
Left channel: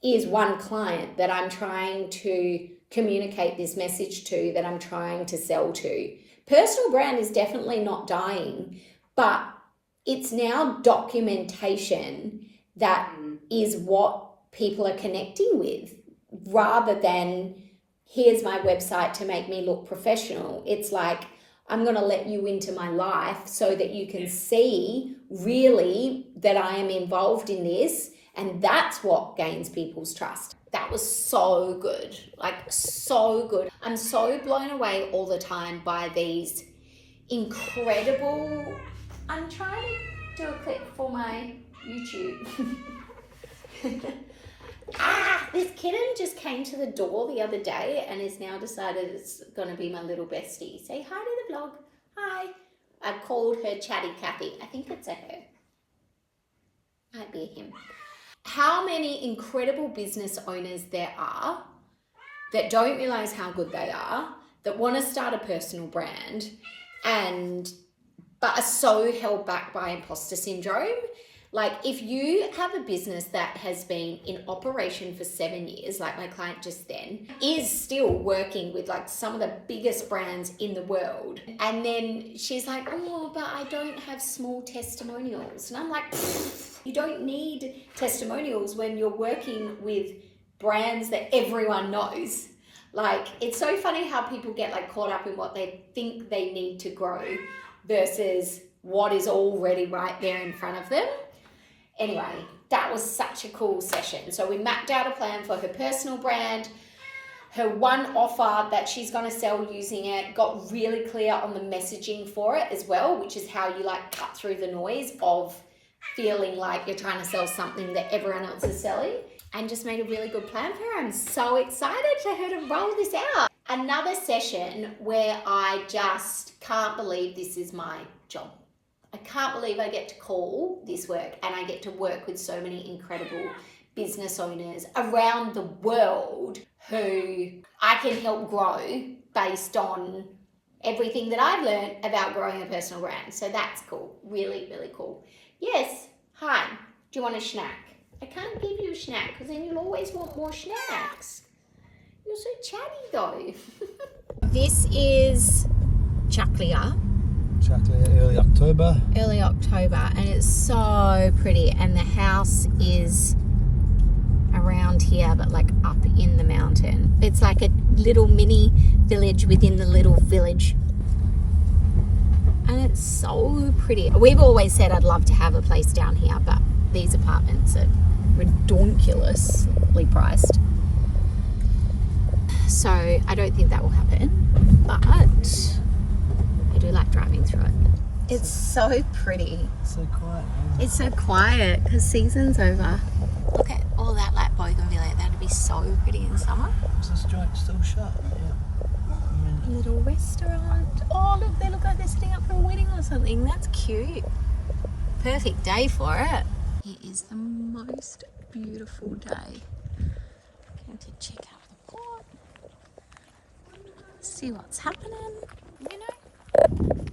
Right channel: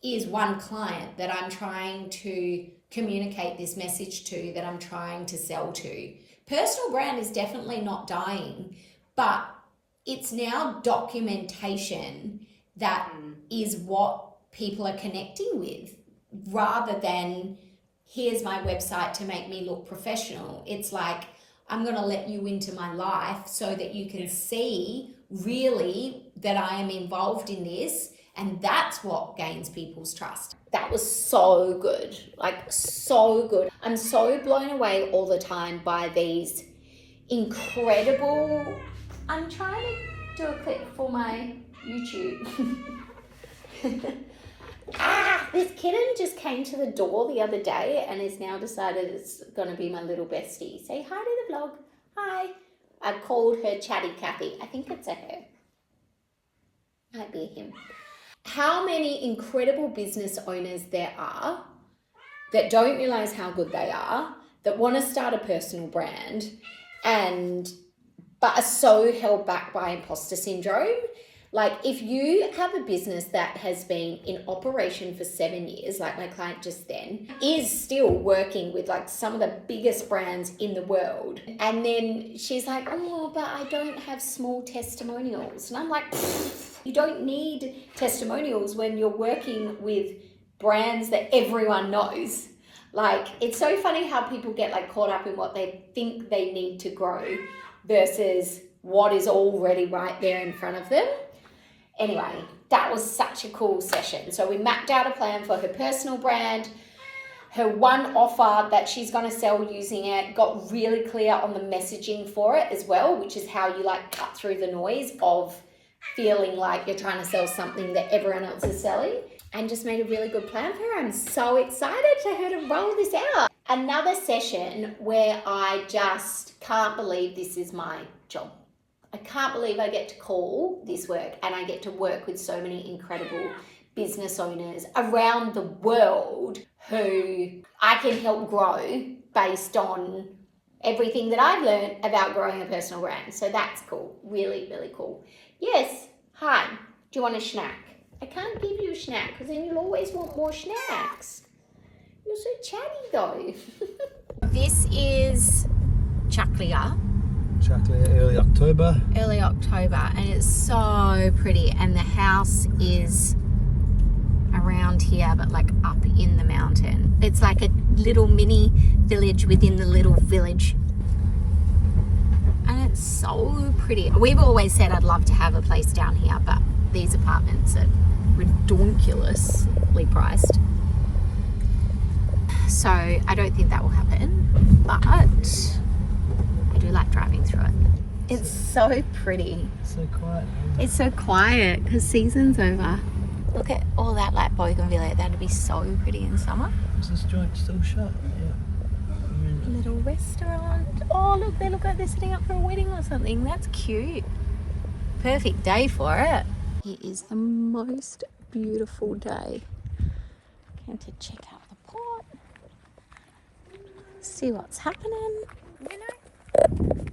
is one client that I'm trying to communicate this message to, that I'm trying to sell to. Personal brand is definitely not dying, but it's now documentation that is what people are connecting with, rather than here's my website to make me look professional. It's like, I'm going to let you into my life so that you can see really that I am involved in this. And that's what gains people's trust. That was so good, like so good. I'm so blown away all the time by these incredible, I'm trying to do a clip for my YouTube. This kitten just came to the door the other day and has now decided it's going to be my little bestie. Say hi to the vlog. Hi. I called her Chatty Cathy. I think it's a her. Might be a him. How many incredible business owners there are that don't realize how good they are, that want to start a personal brand, but are so held back by imposter syndrome. Like, if you have a business that has been in operation for 7 years, like my client just then, is still working with like some of the biggest brands in the world. And then she's like, oh, but I don't have small testimonials. And I'm like, you don't need testimonials when you're working with brands that everyone knows. Like, it's so funny how people get like caught up in what they think they need to grow versus what is already right there in front of them. Anyway, that was such a cool session. So we mapped out a plan for her personal brand, her one offer that she's going to sell using it, got really clear on the messaging for it as well, which is how you like cut through the noise of feeling like you're trying to sell something that everyone else is selling, and just made a really good plan for her. I'm so excited for her to roll this out. Another session where I just can't believe this is my job. I can't believe I get to call this work, and I get to work with so many incredible business owners around the world who I can help grow based on everything that I've learned about growing a personal brand. So that's cool. Really, really cool. Yes. Hi. Do you want a snack? I can't give you a snack because then you'll always want more snacks. You're so chatty though. This is Chaklia. Early October. Early October, and it's so pretty, and the house is around here but like up in the mountain. It's like a little mini village within the little village, and it's so pretty. We've always said I'd love to have a place down here, but these apartments are ridiculously priced, so I don't think that will happen, but I do like driving through it. It's so pretty. So quiet. It's so quiet because season's over. Look at all that like bougainvillea. That'd be so pretty in summer. Is this joint still shut? Yeah. Little restaurant. Oh, look, they look like they're setting up for a wedding or something. That's cute. Perfect day for it. It is the most beautiful day. Going to check out the port. See what's happening. You know,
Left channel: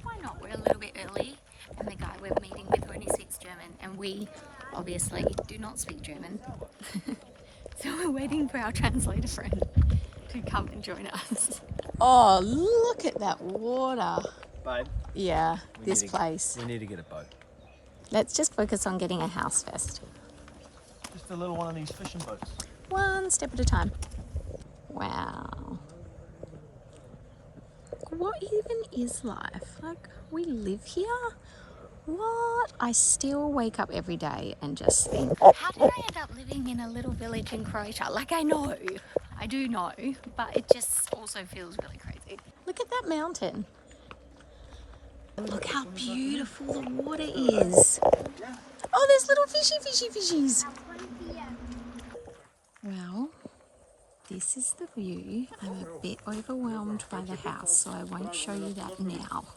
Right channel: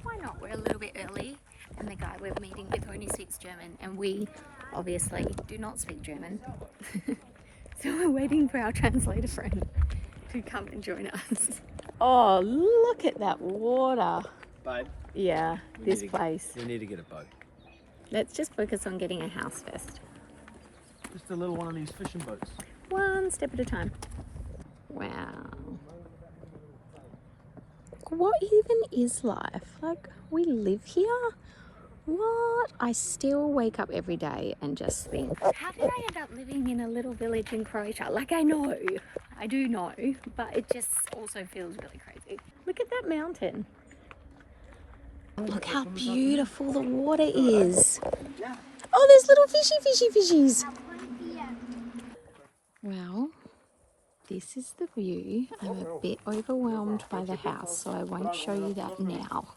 why not? We're a little bit early, and the guy we're meeting with only speaks German, and we obviously do not speak German. So we're waiting for our translator friend to come and join us. Oh, look at that water. Babe. Yeah, this place. We need to get a boat. Let's just focus on getting a house first. Just a little one of these fishing boats. One step at a time. Wow. What even is life? Like, we live here? What? I still wake up every day and just think, how did I end up living in a little village in Croatia? Like, I know, I do know, but it just also feels really crazy. Look at that mountain. Look how beautiful the water is. Oh, there's little fishies. Well, this is the view. I'm a bit overwhelmed by the house, so I won't show you that now.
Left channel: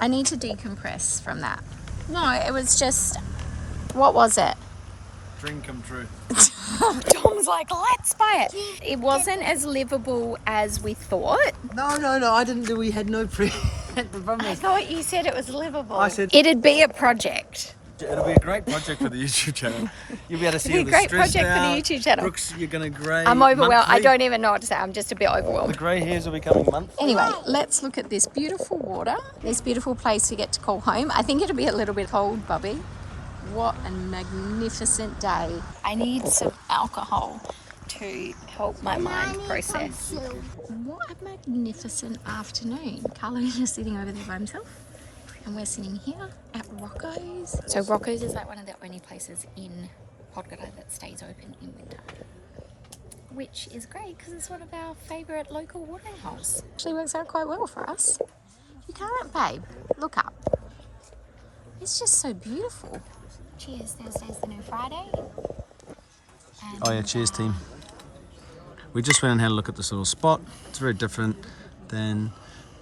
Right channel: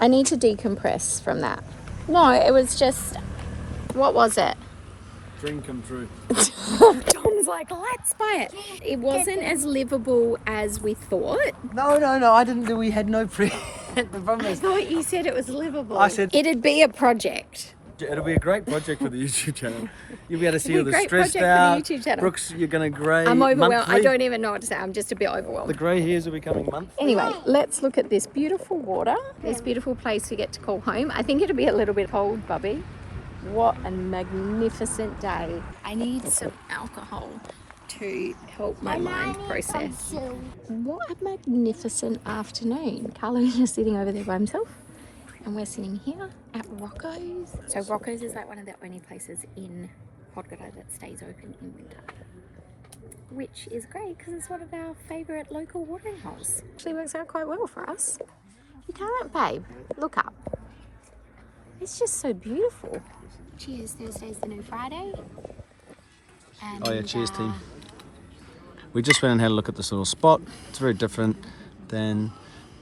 I need to decompress from that. No, it was just, what was it? Dream come true. Tom's like, let's buy it. It wasn't as livable as we thought. No, I didn't do. We had no pre. The problem I is, thought you said it was livable. I said- It'd be a project. it'll be a great project for the YouTube channel. You'll be able to see all It'd the be a great stressed project out. for the YouTube channel. Brooks, you're gonna grey. I'm overwhelmed. monthly. I don't even know what to say. I'm just a bit The overwhelmed. grey hairs will be coming monthly. Anyway, let's look at this beautiful water, this beautiful place we get to call home. I think it'll be a little bit cold, Bubby. What a magnificent day. I need some alcohol to help my mind process. What a magnificent afternoon. Karlo is sitting over there by himself and we're sitting here at Rocco's. So Rocco's is like one of the only places in Podgora that stays open in winter, which is great because it's one of our favourite local watering holes. Actually works out quite well for us. You can't, babe. Look up. It's just so beautiful. Cheers, Thursday's the new Friday. And, Oh yeah, cheers team. We just went and had a look at this little spot. It's very different than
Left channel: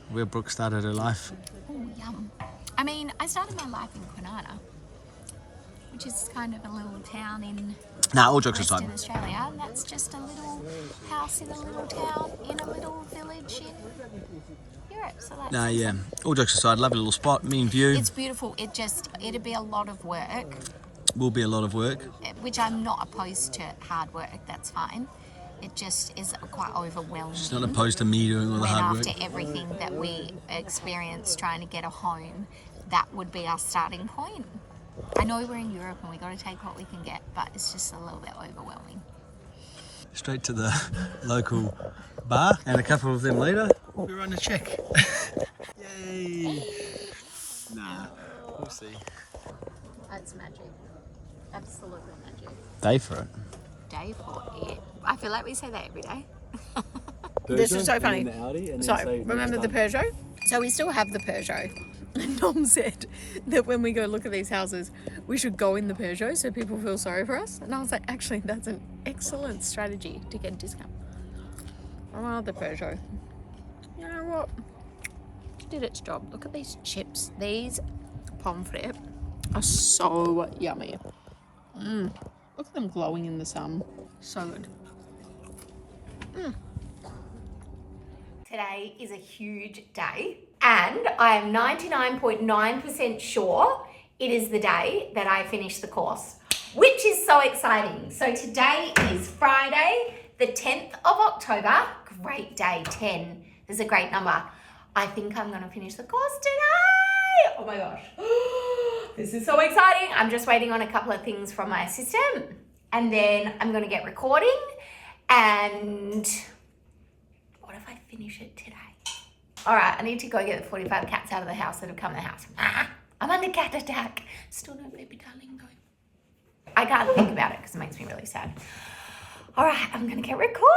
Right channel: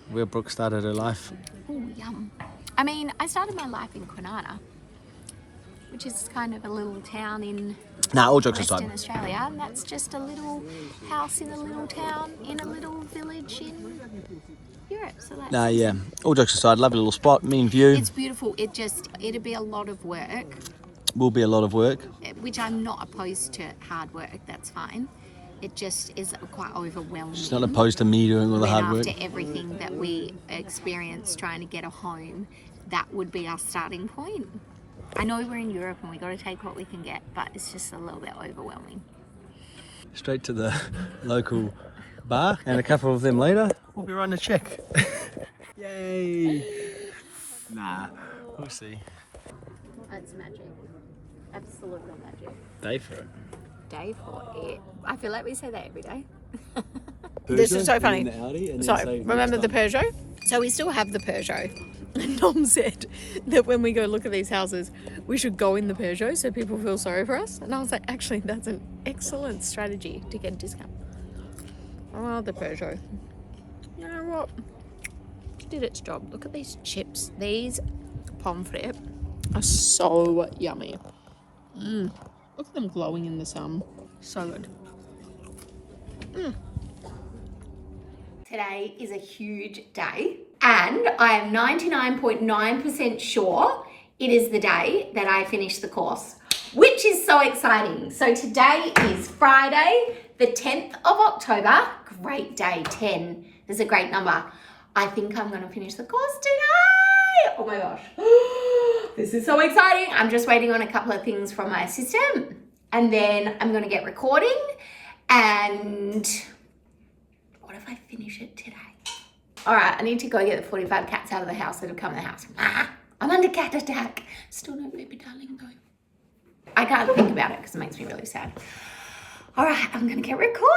where Brooke started her life. Oh, yum. I mean, I started my life in Kwinana, which is kind of a little town in Nah, all jokes Western aside. Australia, and that's just a little house in a little town in a little village in Europe. So that's Nah, yeah. All jokes aside, lovely little spot, mean view. it's beautiful. It'd be a lot of work, Will be a lot of work. which I'm not opposed to hard work. That's fine. It just is quite overwhelming. She's not opposed to me doing all the when hard work. after everything that we experienced trying to get a home, that would be our starting point. I know we're in Europe and we got to take what we can get, but it's just a little bit overwhelming. Straight to the local bar, and a couple of them later, we'll be writing a check. Yay! Nah, we'll see. That's magic. Absolutely magic. Day for it. Day for it. I feel like we say that every day. This is so funny. So, So, remember the Peugeot? So we still have the Peugeot. And Tom said that when we go look at these houses, we should go in the Peugeot so people feel sorry for us. And I was like, actually, that's an excellent strategy to get a discount. I love the Peugeot. You know what? It did its job. Look at these chips. These pommes frites are so yummy. Look at them glowing in the sun. So good. Today is a huge day, and I am 99.9% sure it is the day that I finish the course, which is so exciting. So today is Friday, the 10th of October. Great day, 10. There's a great number. I think I'm going to finish the course today. Oh my gosh. This is so exciting. I'm just waiting on a couple of things from my assistant, and then I'm going to get recording. And what if I finish it today? All right, I need to go get the 45 cats out of the house that have come in the house. I'm under cat attack. Still no baby darling though. I can't think about it because it makes me really sad. All right, I'm going to get recording.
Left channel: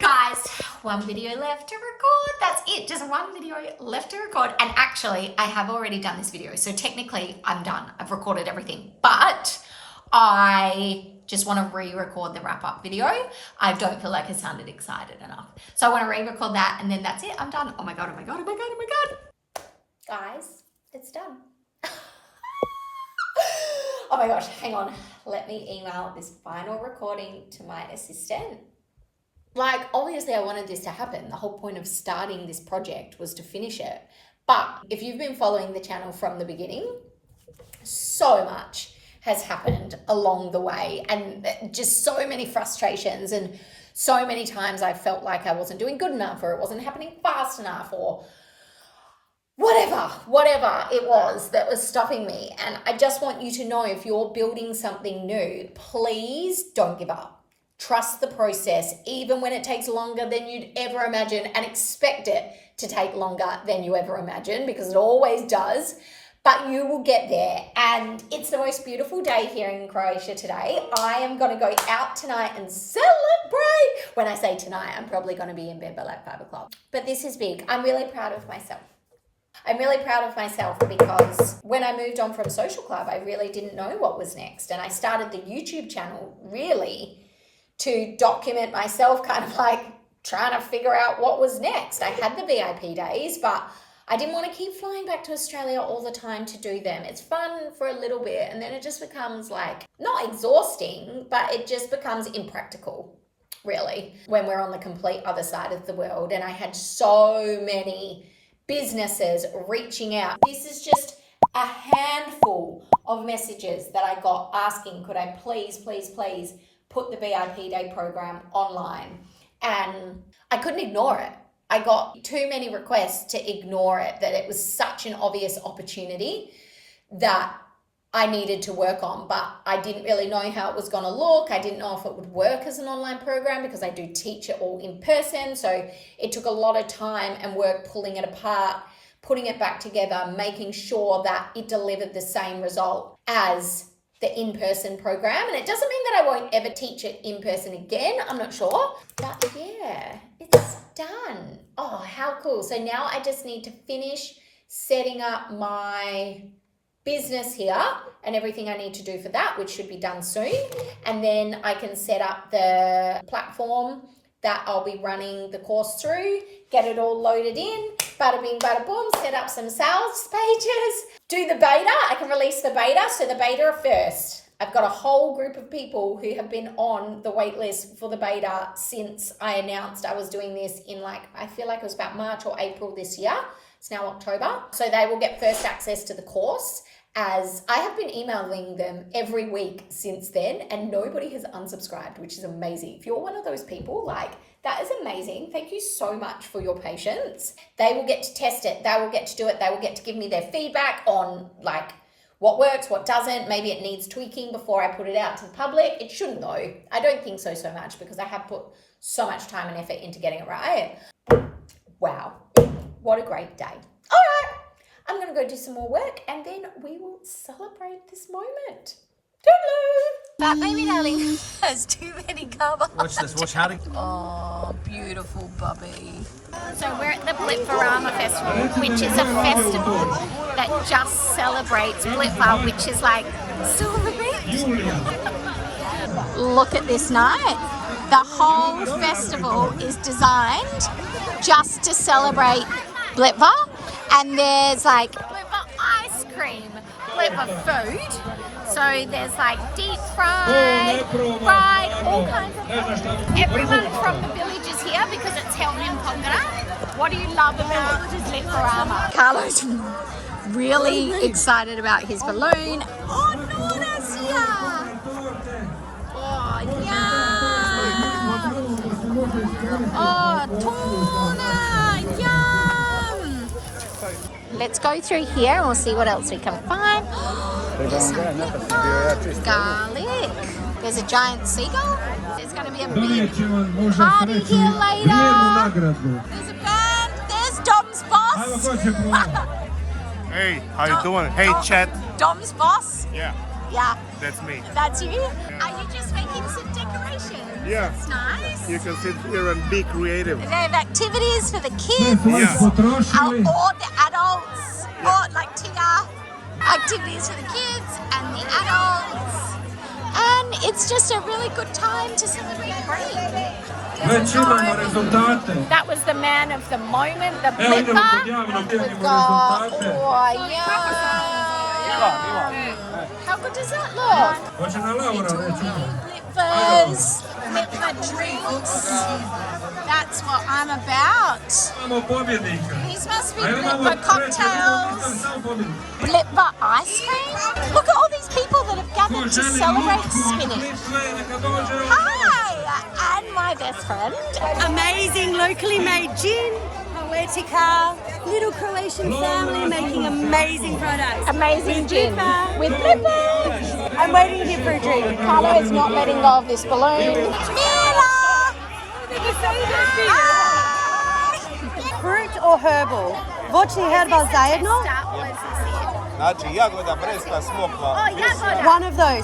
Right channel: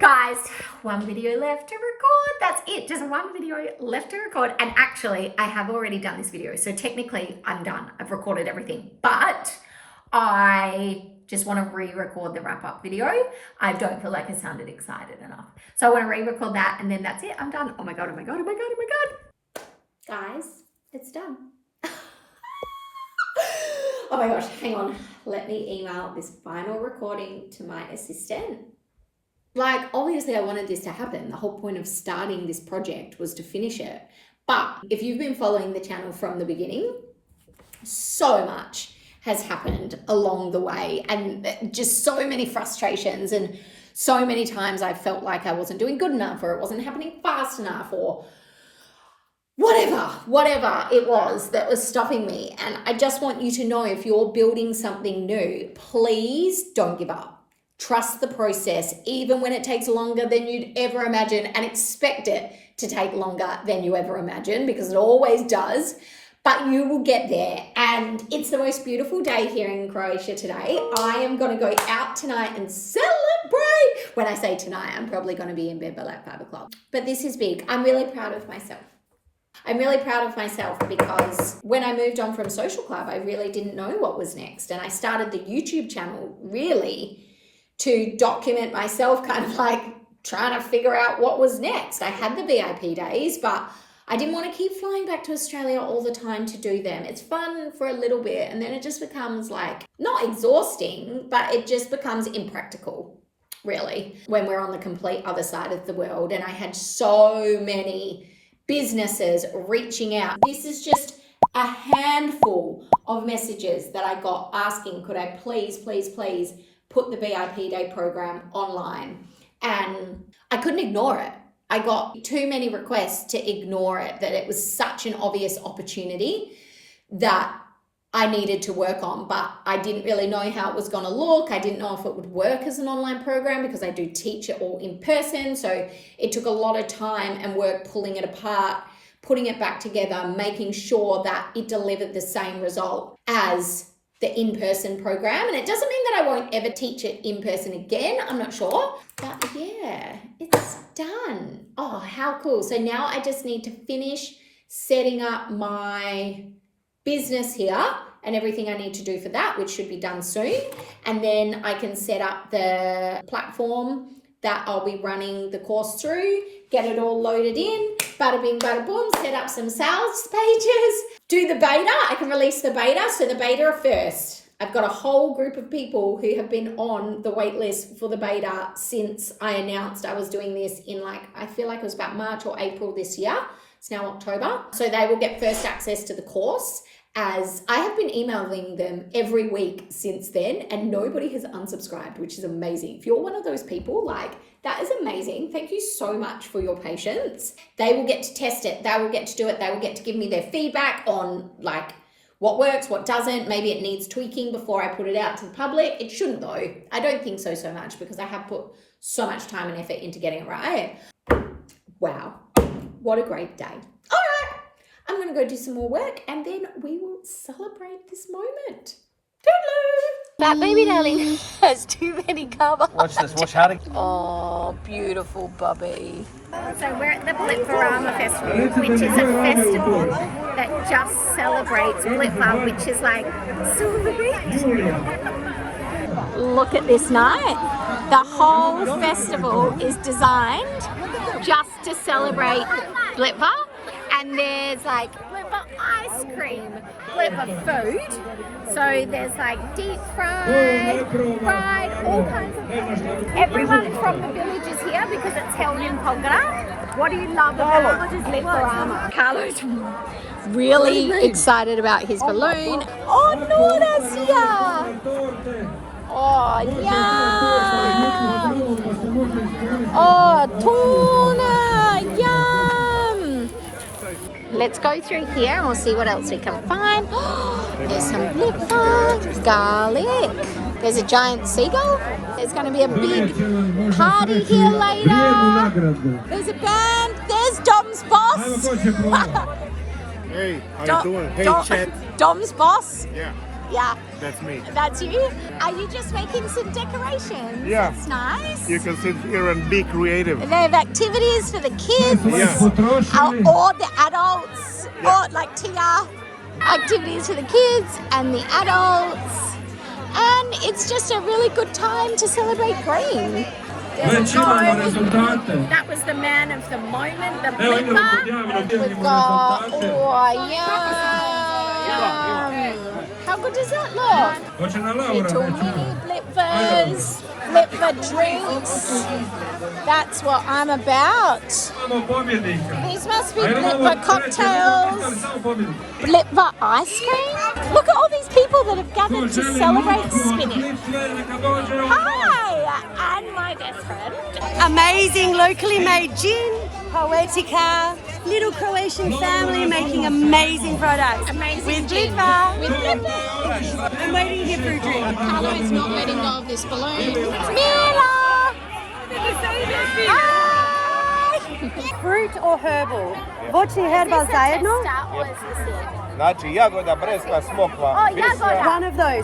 Guys, one video left to record. That's it. Just one video left to record. And actually, I have already done this video. So technically, I'm done. I've recorded everything. But I just want to re-record the wrap-up video. I don't feel like I sounded excited enough. So I want to re-record that, and then that's it. I'm done. Oh my God, oh my God, oh my God, oh my God. Guys, it's done. Oh my gosh, hang on. Let me email this final recording to my assistant. Like, obviously I wanted this to happen. The whole point of starting this project was to finish it. But if you've been following the channel from the beginning, so much has happened along the way, and just so many frustrations, and so many times I felt like I wasn't doing good enough, or it wasn't happening fast enough, or whatever it was that was stopping me. And I just want you to know, if you're building something new, please don't give up. Trust the process, even when it takes longer than you'd ever imagine, and expect it to take longer than you ever imagine, because it always does. But you will get there, and it's the most beautiful day here in Croatia today. I am going to go out tonight and celebrate. When I say tonight, I'm probably going to be in bed by like 5 o'clock. But this is big. I'm really proud of myself. I'm really proud of myself because when I moved on from Social Club, I really didn't know what was next. And I started the YouTube channel really to document myself, kind of like trying to figure out what was next. I had the VIP days, but I didn't want to keep flying back to Australia all the time to do them. It's fun for a little bit and then it just becomes like, not exhausting, but it just becomes impractical, really, when we're on the complete other side of the world. And I had so many businesses reaching out. This is just a handful of messages that I got asking, could I please put the VIP Day program online? And I couldn't ignore it. I got too many requests to ignore it, that it was such an obvious opportunity that I needed to work on, but I didn't really know how it was going to look. I didn't know if it would work as an online program because I do teach it all in person. So it took a lot of time and work pulling it apart, putting it back together, making sure that it delivered the same result as the in-person program. And it doesn't mean that I won't ever teach it in person again. I'm not sure. But yeah, it's done. Oh, how cool. So now I just need to finish setting up my business here and everything I need to do for that, which should be done soon. And then I can set up the platform that I'll be running the course through, get it all loaded in, bada bing, bada boom, set up some sales pages, do the beta. I can release the beta. So the beta are first. I've got a whole group of people who have been on the wait list for the beta since I announced I was doing this in I feel like it was about March or April this year. It's now October. So they will get first access to the course, as I have been emailing them every week since then and nobody has unsubscribed, which is amazing. If you're one of those people, that is amazing. Thank you so much for your patience. They will get to test it. They will get to do it. They will get to give me their feedback on what works, what doesn't. Maybe it needs tweaking before I put it out to the public. It shouldn't though. I don't think so much because I have put so much time and effort into getting it right. Wow, what a great day. All right, I'm gonna go do some more work and then we will celebrate this moment. Toodaloo. That baby darling has too many carbs. Watch this, watch how to... Oh, beautiful Bobby. So we're at the Blitva Festival, which is a festival that just celebrates Blitva, which is silver bit. Look at this night. The whole festival is designed just to celebrate Blitva, and there's Blitva ice cream, Blitva food. So there's deep fried, all kinds of things. Everyone from the village is here because it's held in Polgara. What do you love about Blitva? Karlo's really excited about his balloon. Oh, Nora's here. Oh, yum. Oh, tuna, yum. Let's go through here and we'll see what else we can find. There's some Blitva, garlic. There's a giant seagull. There's going to be a big party here later. There's a band. There's Dom's boss. Hey, how you doing? Hey, Chet. Dom's boss? Yeah, Yeah. that's me. That's you? Yeah. Are you just making some decorations? Yeah. That's nice. You can sit here and be creative. They have activities for the kids. Yeah. Or the adults. Or Tia. Activities for the kids and the adults. And it's just a really good time to celebrate green. That was the man of the moment, the Blitva. We've got, yum. How good does that look? Little mini Blitvas, Blitva drinks. That's what I'm about. These must be Blitva cocktails. Blitva ice cream. Look at all these people that have gathered to celebrate spinning. Hi, and my best friend. Amazing locally made gin, Poetica, little Croatian family making amazing products. Amazing with gin. Blitva. With Blitva. I'm waiting here for a drink. Karlo is not letting go of this balloon. Mila! Hi! Fruit or herbal? Voćni herbal zajedno? Oh, jagoda.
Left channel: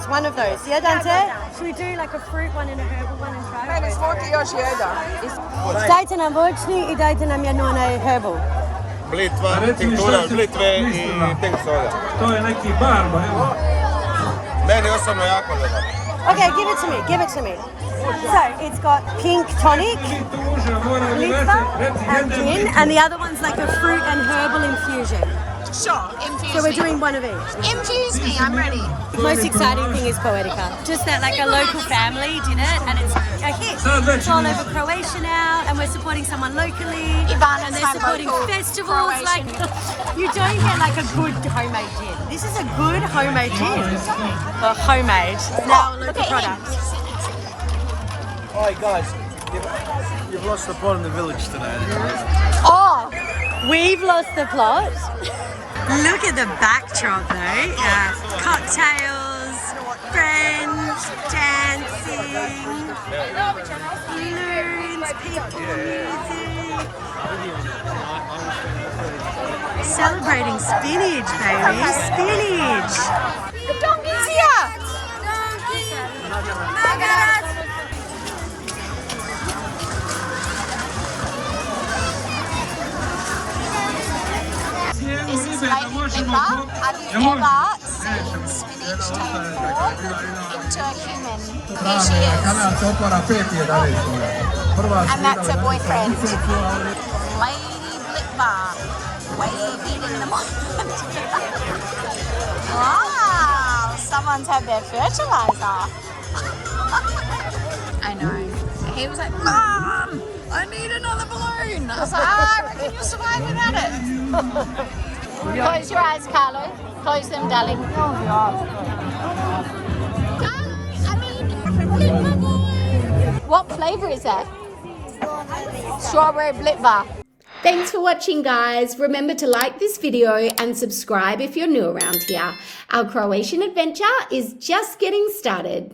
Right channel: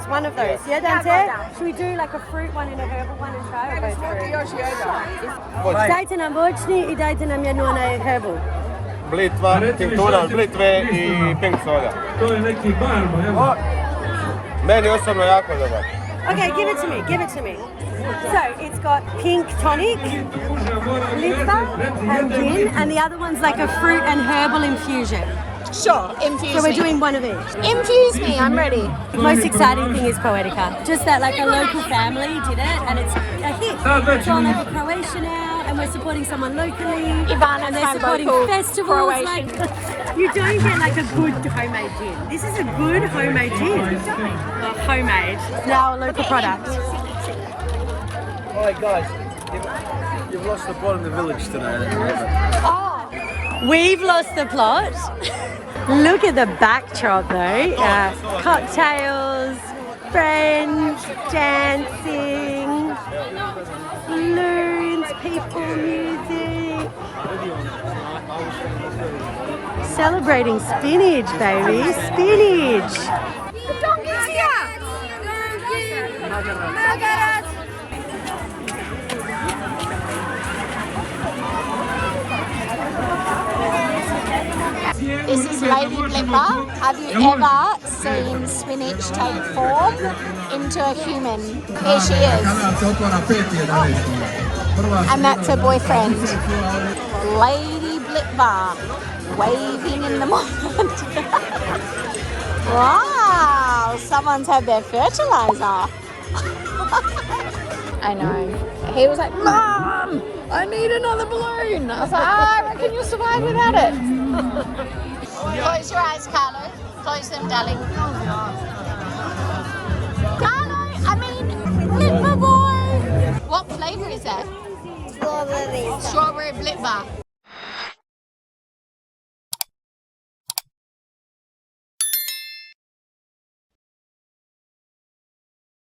One of those. Jedan te? Should we do a fruit one and a herbal one and try or both fruit? Dajte nam voćni I dajte nam jednu onaj herbal. Blitva, tinktura Blitve I pink soda. To je neki barba, evo. Meni osobno jako dobar. Okay, give it to me. Give it to me. So it's got pink tonic, Blitva, and gin, and the other one's like a fruit and herbal infusion. Sure, infuse So we're me. doing one of each. Infuse me, I'm ready. The most exciting thing is Poetica. Just that like a local family did it and it's a hit. It's all over Croatia now and we're supporting someone locally. Ivana's and they're my supporting local festivals. Croatian. Like you don't get like a good homemade gin. This is a good homemade gin. Well, homemade. Now a local product. Alright guys, you've lost the plot in the village today. Oh, We've lost the plot. Look at the backdrop though. Cocktails, friends, dancing, balloons, people, music. Celebrating spinach, baby. Spinach. this is Lady Blitva. Have you ever seen spinach take form into a human? Here she is. And that's her boyfriend. Lady Blitva, waving in the moment. Wow, someone's had their fertilizer. I know. He was like, Mom, I need another balloon. I was like, I reckon you'll survive without it. Close your eyes, Karlo. Close them, darling. Karlo, Blitva boy. What flavour is that? Strawberry Blitva. Thanks for watching, guys. Remember to like this video and subscribe if you're new around here. Our Croatian adventure is just getting started.